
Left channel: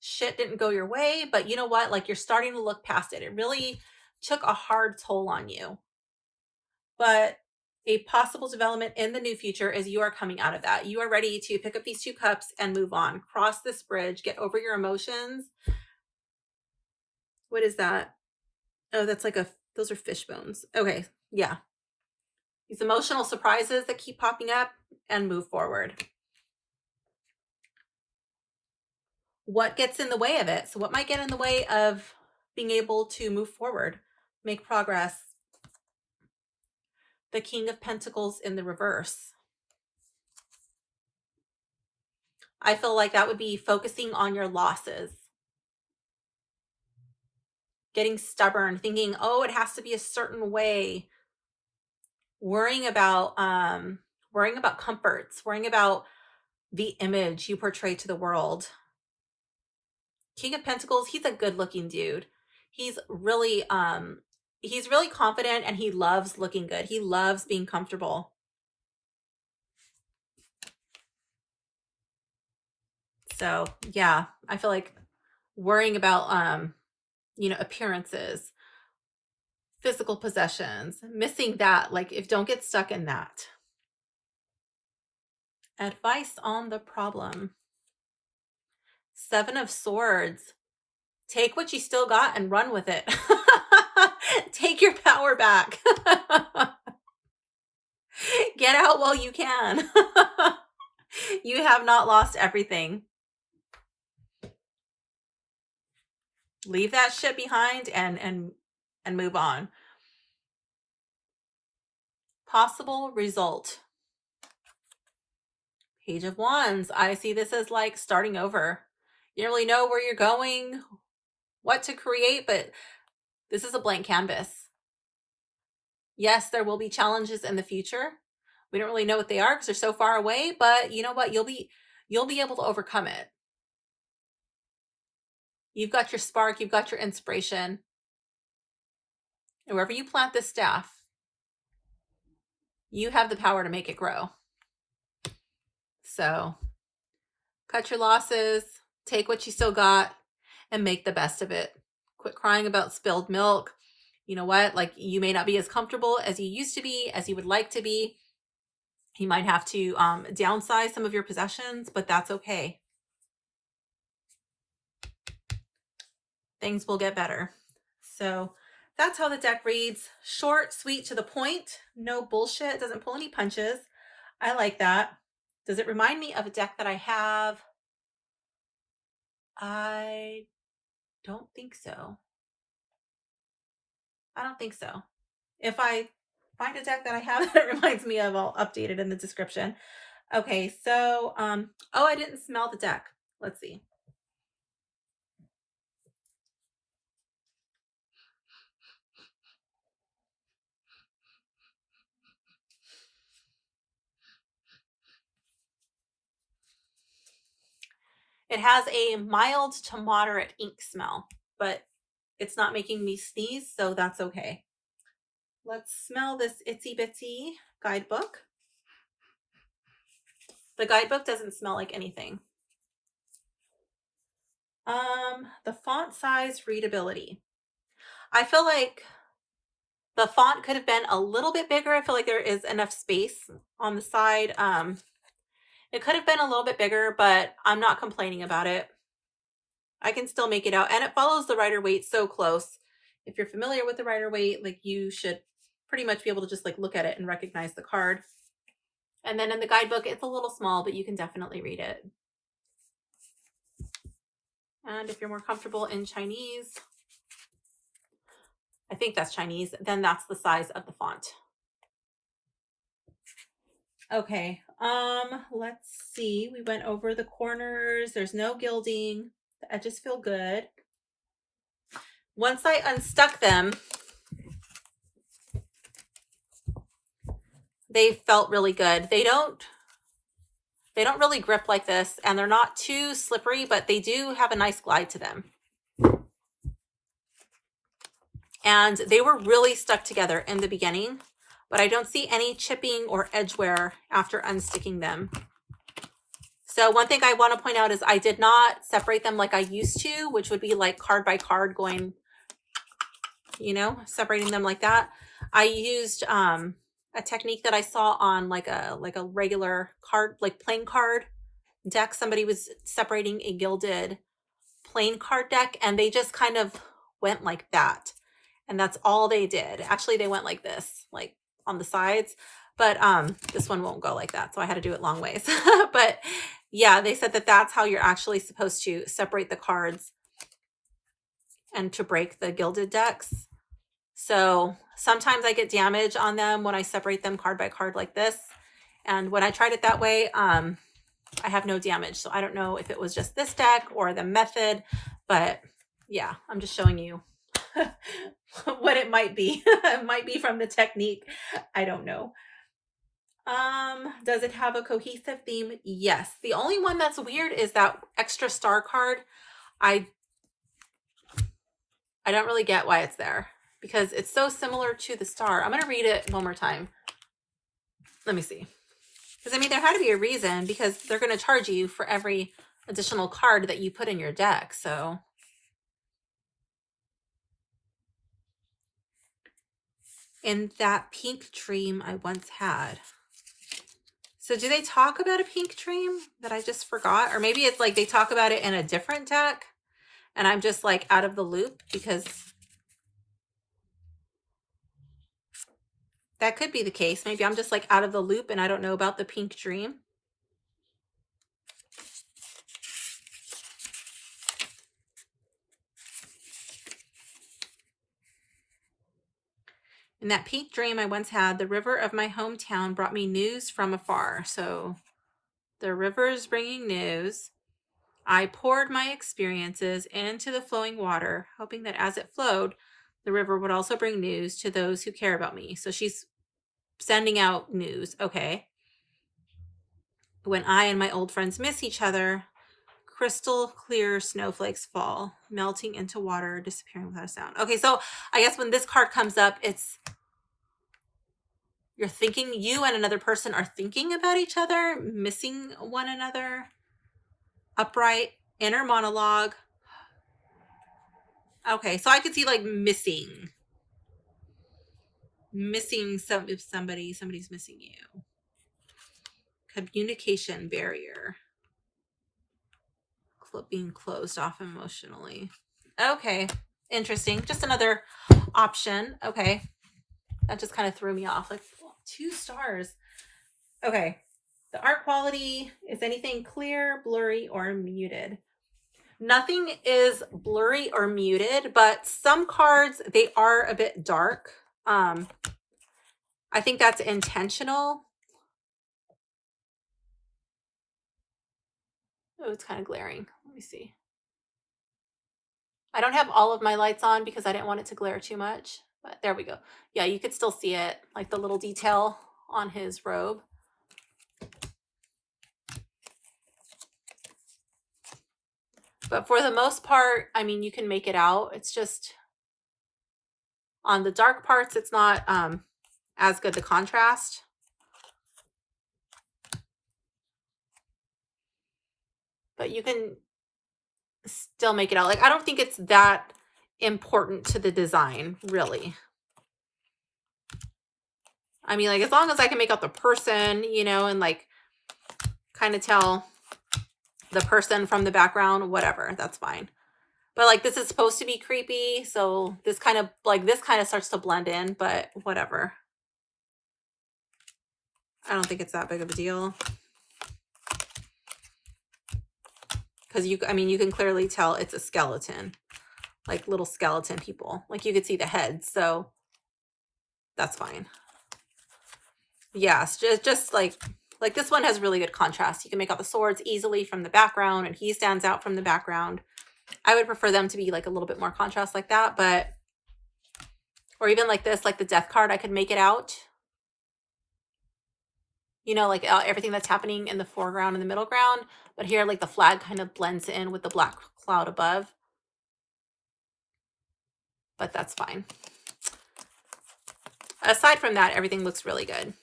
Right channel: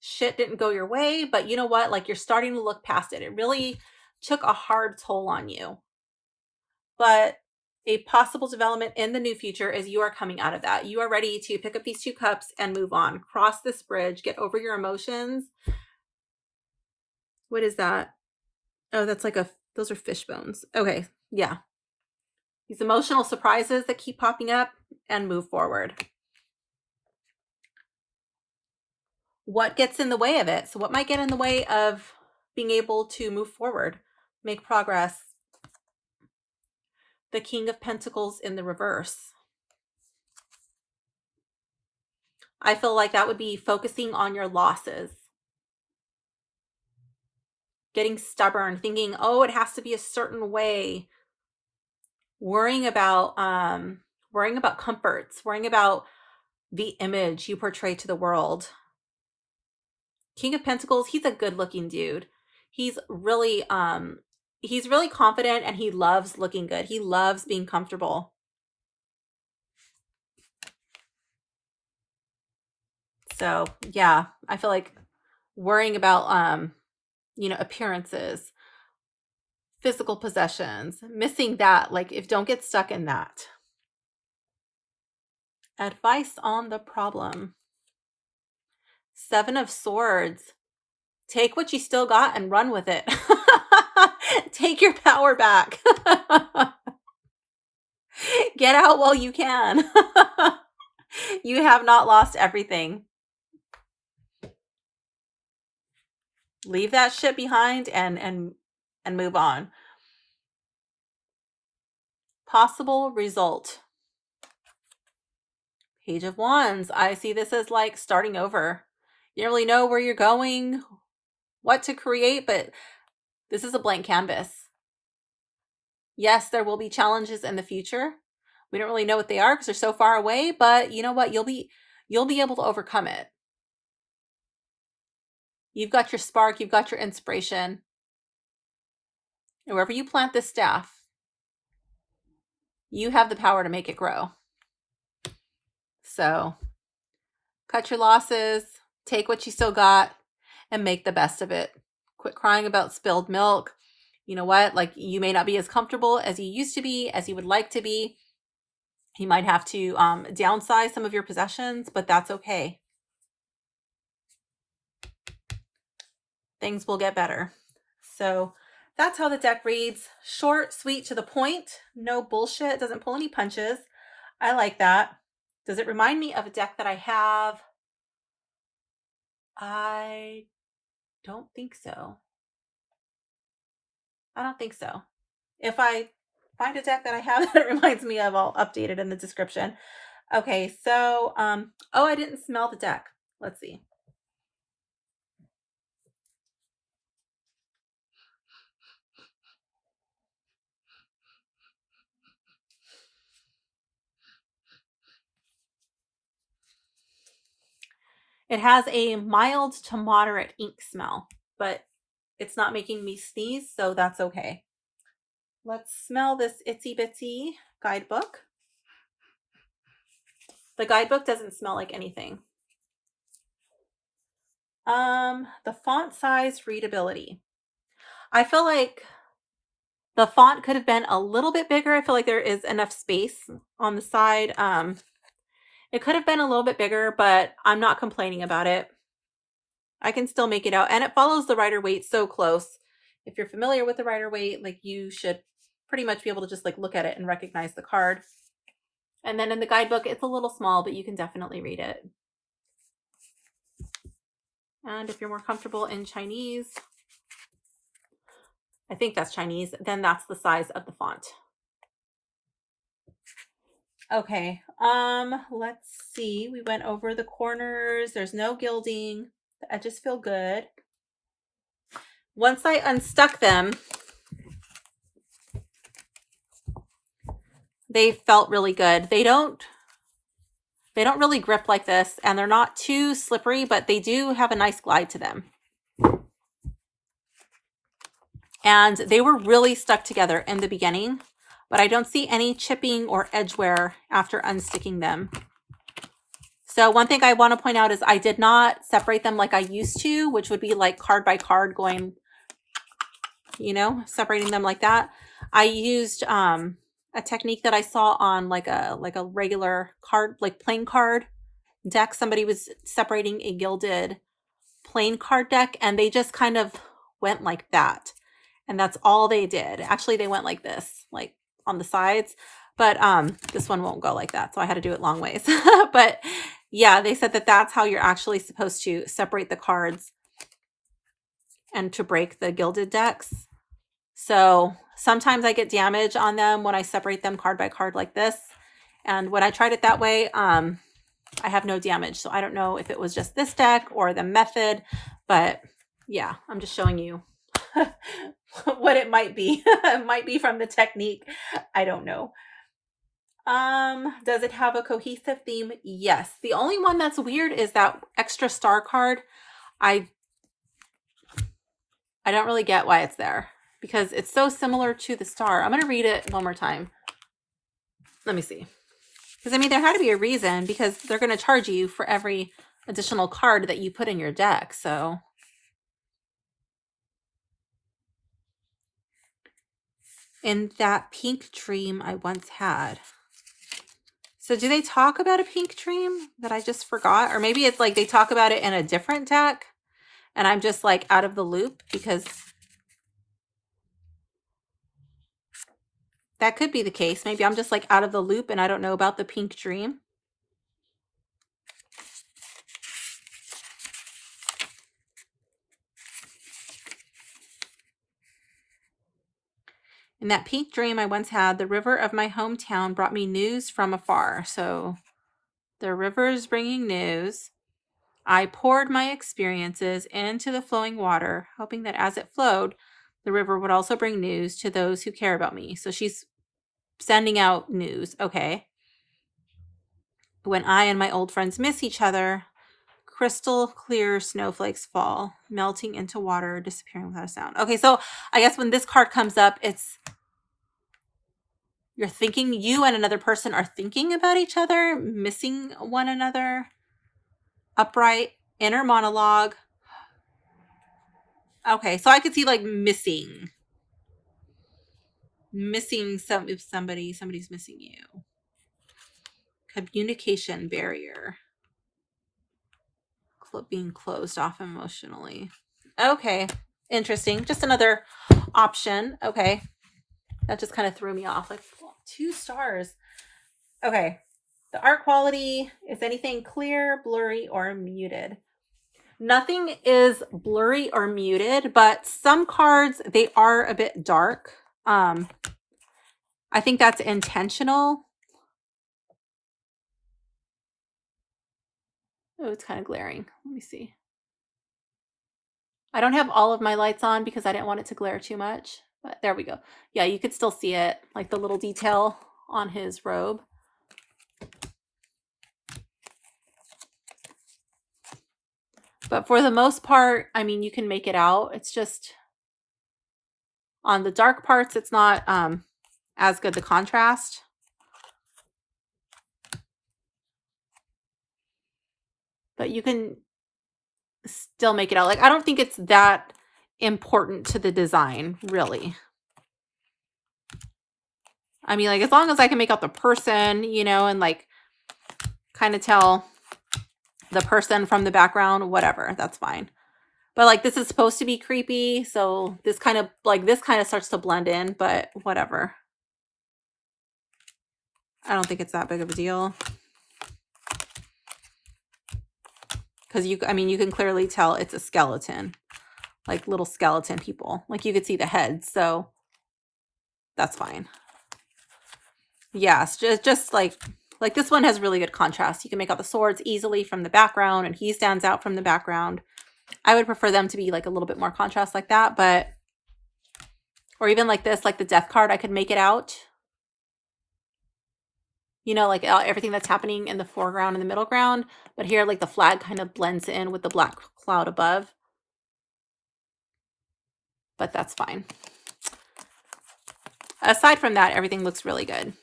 shit didn't go your way, but you know what? Like you're starting to look past it. It really took a hard toll on you. But a possible development in the new future is you are coming out of that. You are ready to pick up these 2 cups and move on. Cross this bridge, get over your emotions. What is that? Oh, that's like those are fish bones. Okay, yeah. These emotional surprises that keep popping up, and move forward. What gets in the way of it? So what might get in the way of being able to move forward, make progress? The King of Pentacles in the reverse. I feel like that would be focusing on your losses. Getting stubborn, thinking, oh, it has to be a certain way. Worrying about comforts, worrying about the image you portray to the world. King of Pentacles, he's a good-looking dude. He's really confident, and he loves looking good. He loves being comfortable. So, yeah, I feel like worrying about appearances, physical possessions, missing that, like if don't get stuck in that. Advice on the problem. 7 of Swords. Take what you still got and run with it. Take your power back. Get out while you can. You have not lost everything. Leave that shit behind and move on. Possible result. Page of Wands. I see this as like starting over. You don't really know where you're going, what to create, but this is a blank canvas. Yes, there will be challenges in the future. We don't really know what they are because they're so far away, but you know what? You'll be able to overcome it. You've got your spark, you've got your inspiration. And wherever you plant this staff, you have the power to make it grow. So cut your losses, take what you still got, and make the best of it. Quit crying about spilled milk. You know what? Like, you may not be as comfortable as you used to be, as you would like to be. You might have to downsize some of your possessions, but that's okay. Things will get better. So that's how the deck reads. Short, sweet, to the point. No bullshit. Doesn't pull any punches. I like that. Does it remind me of a deck that I have? I don't think so. I don't think so. If I find a deck that I have that it reminds me of, I'll update it in the description. Okay, so, oh, I didn't smell the deck. Let's see. It has a mild to moderate ink smell, but it's not making me sneeze, so that's okay. Let's smell this itsy bitsy guidebook. The guidebook doesn't smell like anything. The font size, readability. I feel like the font could have been a little bit bigger. I feel like there is enough space on the side. It could have been a little bit bigger, but I'm not complaining about it. I can still make it out, and it follows the Rider-Waite so close. If you're familiar with the Rider-Waite, like, you should pretty much be able to just like look at it and recognize the card. And then in the guidebook, it's a little small, but you can definitely read it. And if you're more comfortable in Chinese, I think that's Chinese, then that's the size of the font. Okay, let's see. We went over the corners. There's no gilding. The edges feel good. Once I unstuck them, they felt really good. They don't really grip like this, and they're not too slippery, but they do have a nice glide to them. And they were really stuck together in the beginning, but I don't see any chipping or edge wear after unsticking them. So one thing I want to point out is I did not separate them like I used to, which would be like card by card going, you know, separating them like that. I used a technique that I saw on like a regular card, like plain card deck. Somebody was separating a gilded plain card deck, and they just kind of went like that. And that's all they did. Actually, they went like this, like on the sides, but this one won't go like that, so I had to do it long ways. But yeah, they said that that's how you're actually supposed to separate the cards and to break the gilded decks. So sometimes I get damage on them when I separate them card by card like this, and when I tried it that way, I have no damage. So I don't know if it was just this deck or the method, but yeah, I'm just showing you what it might be. It might be from the technique. I don't know. Does it have a cohesive theme? Yes. The only one that's weird is that extra star card. I don't really get why it's there, because it's so similar to the star. I'm going to read it one more time. Let me see. Because I mean, there had to be a reason, because they're going to charge you for every additional card that you put in your deck. So in that pink dream I once had. So do they talk about a pink dream that I just forgot? Or maybe it's like they talk about it in a different deck and I'm just like out of the loop, because that could be the case. Maybe I'm just like out of the loop and I don't know about the pink dream. In that pink dream I once had, the river of my hometown brought me news from afar. So the river is bringing news. I poured my experiences into the flowing water, hoping that as it flowed, the river would also bring news to those who care about me. So she's sending out news. Okay. When I and my old friends miss each other, crystal clear snowflakes fall, melting into water, disappearing without a sound. Okay, so I guess when this card comes up, it's you're thinking, you and another person are thinking about each other, missing one another. Upright, inner monologue. Okay, so I could see like missing if somebody's missing you. Communication barrier. Being closed off emotionally. Okay, interesting. Just another option. Okay, that just kind of threw me off. Like 2 stars. Okay, the art quality is anything clear, blurry, or muted. Nothing is blurry or muted, but some cards, they are a bit dark. I think that's intentional. Oh, it's kind of glaring. Let me see. I don't have all of my lights on because I didn't want it to glare too much. But there we go. Yeah, you could still see it, like the little detail on his robe. But for the most part, I mean, you can make it out. It's just on the dark parts, it's not as good the contrast. But you can still make it out. Like, I don't think it's that important to the design, really. I mean, like, as long as I can make out the person, you know, and like kind of tell the person from the background, whatever, that's fine. But like, this is supposed to be creepy, so this kind of starts to blend in, but whatever. I don't think it's that big of a deal. Because you can clearly tell it's a skeleton, like little skeleton people. Like, you could see the heads, so that's fine. Yes, just like this one has really good contrast. You can make out the swords easily from the background, and he stands out from the background. I would prefer them to be like a little bit more contrast like that, but, or even like this, like the death card, I could make it out. You know, like everything that's happening in the foreground and the middle ground. But here, like the flag kind of blends in with the black cloud above. But that's fine. Aside from that, everything looks really good.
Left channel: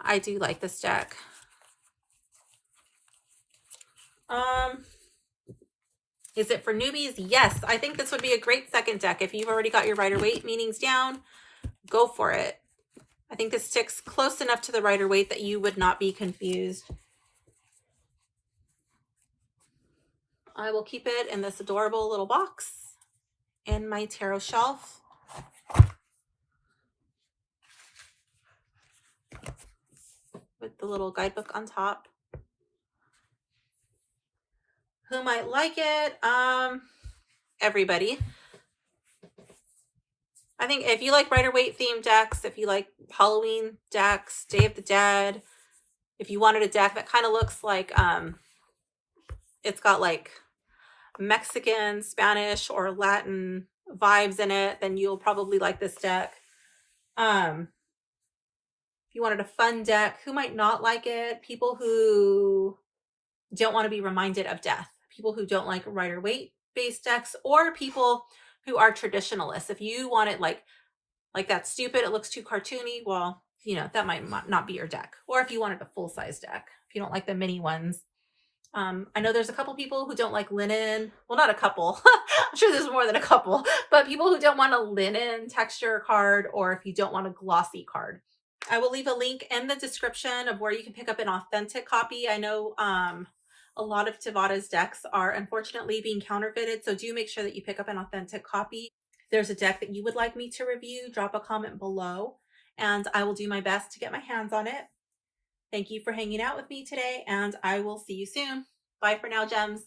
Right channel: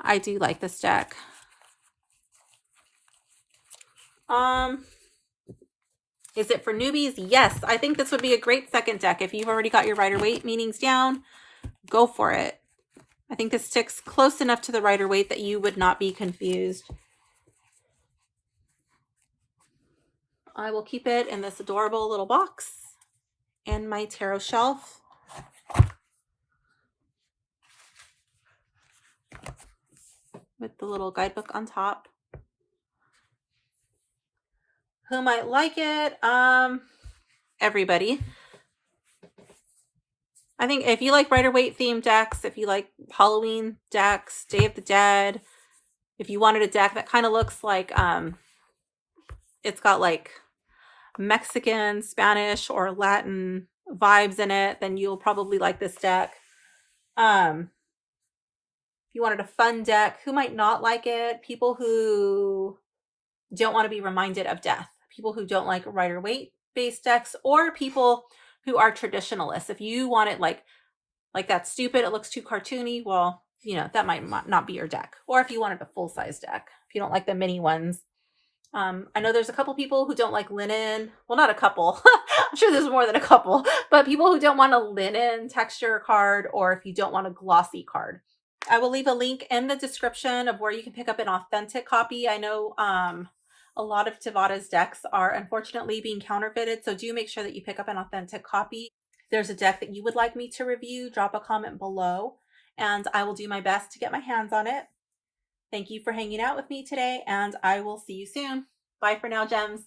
I do like this deck. Is it for newbies? Yes, I think this would be a great second deck. If you've already got your Rider-Waite meanings down, go for it. I think this sticks close enough to the Rider-Waite that you would not be confused. I will keep it in this adorable little box in my tarot shelf. With the little guidebook on top. Who might like it? Everybody. I think if you like Rider-Waite themed decks, if you like Halloween decks, Day of the Dead, if you wanted a deck that kind of looks like it's got like Mexican, Spanish, or Latin vibes in it, then you'll probably like this deck. If you wanted a fun deck, who might not like it? People who don't want to be reminded of death, people who don't like Rider-Waite based decks, or people who are traditionalists. If you want it like that's stupid, it looks too cartoony, well, you know, that might not be your deck. Or if you wanted a full-size deck, if you don't like the mini ones. I know there's a couple people who don't like linen. Well, not a couple. I'm sure there's more than a couple. But people who don't want a linen texture card, or if you don't want a glossy card. I will leave a link in the description of where you can pick up an authentic copy. I know a lot of Tivada's decks are unfortunately being counterfeited, so do make sure that you pick up an authentic copy. If there's a deck that you would like me to review, drop a comment below, and I will do my best to get my hands on it. Thank you for hanging out with me today, and I will see you soon. Bye for now, gems.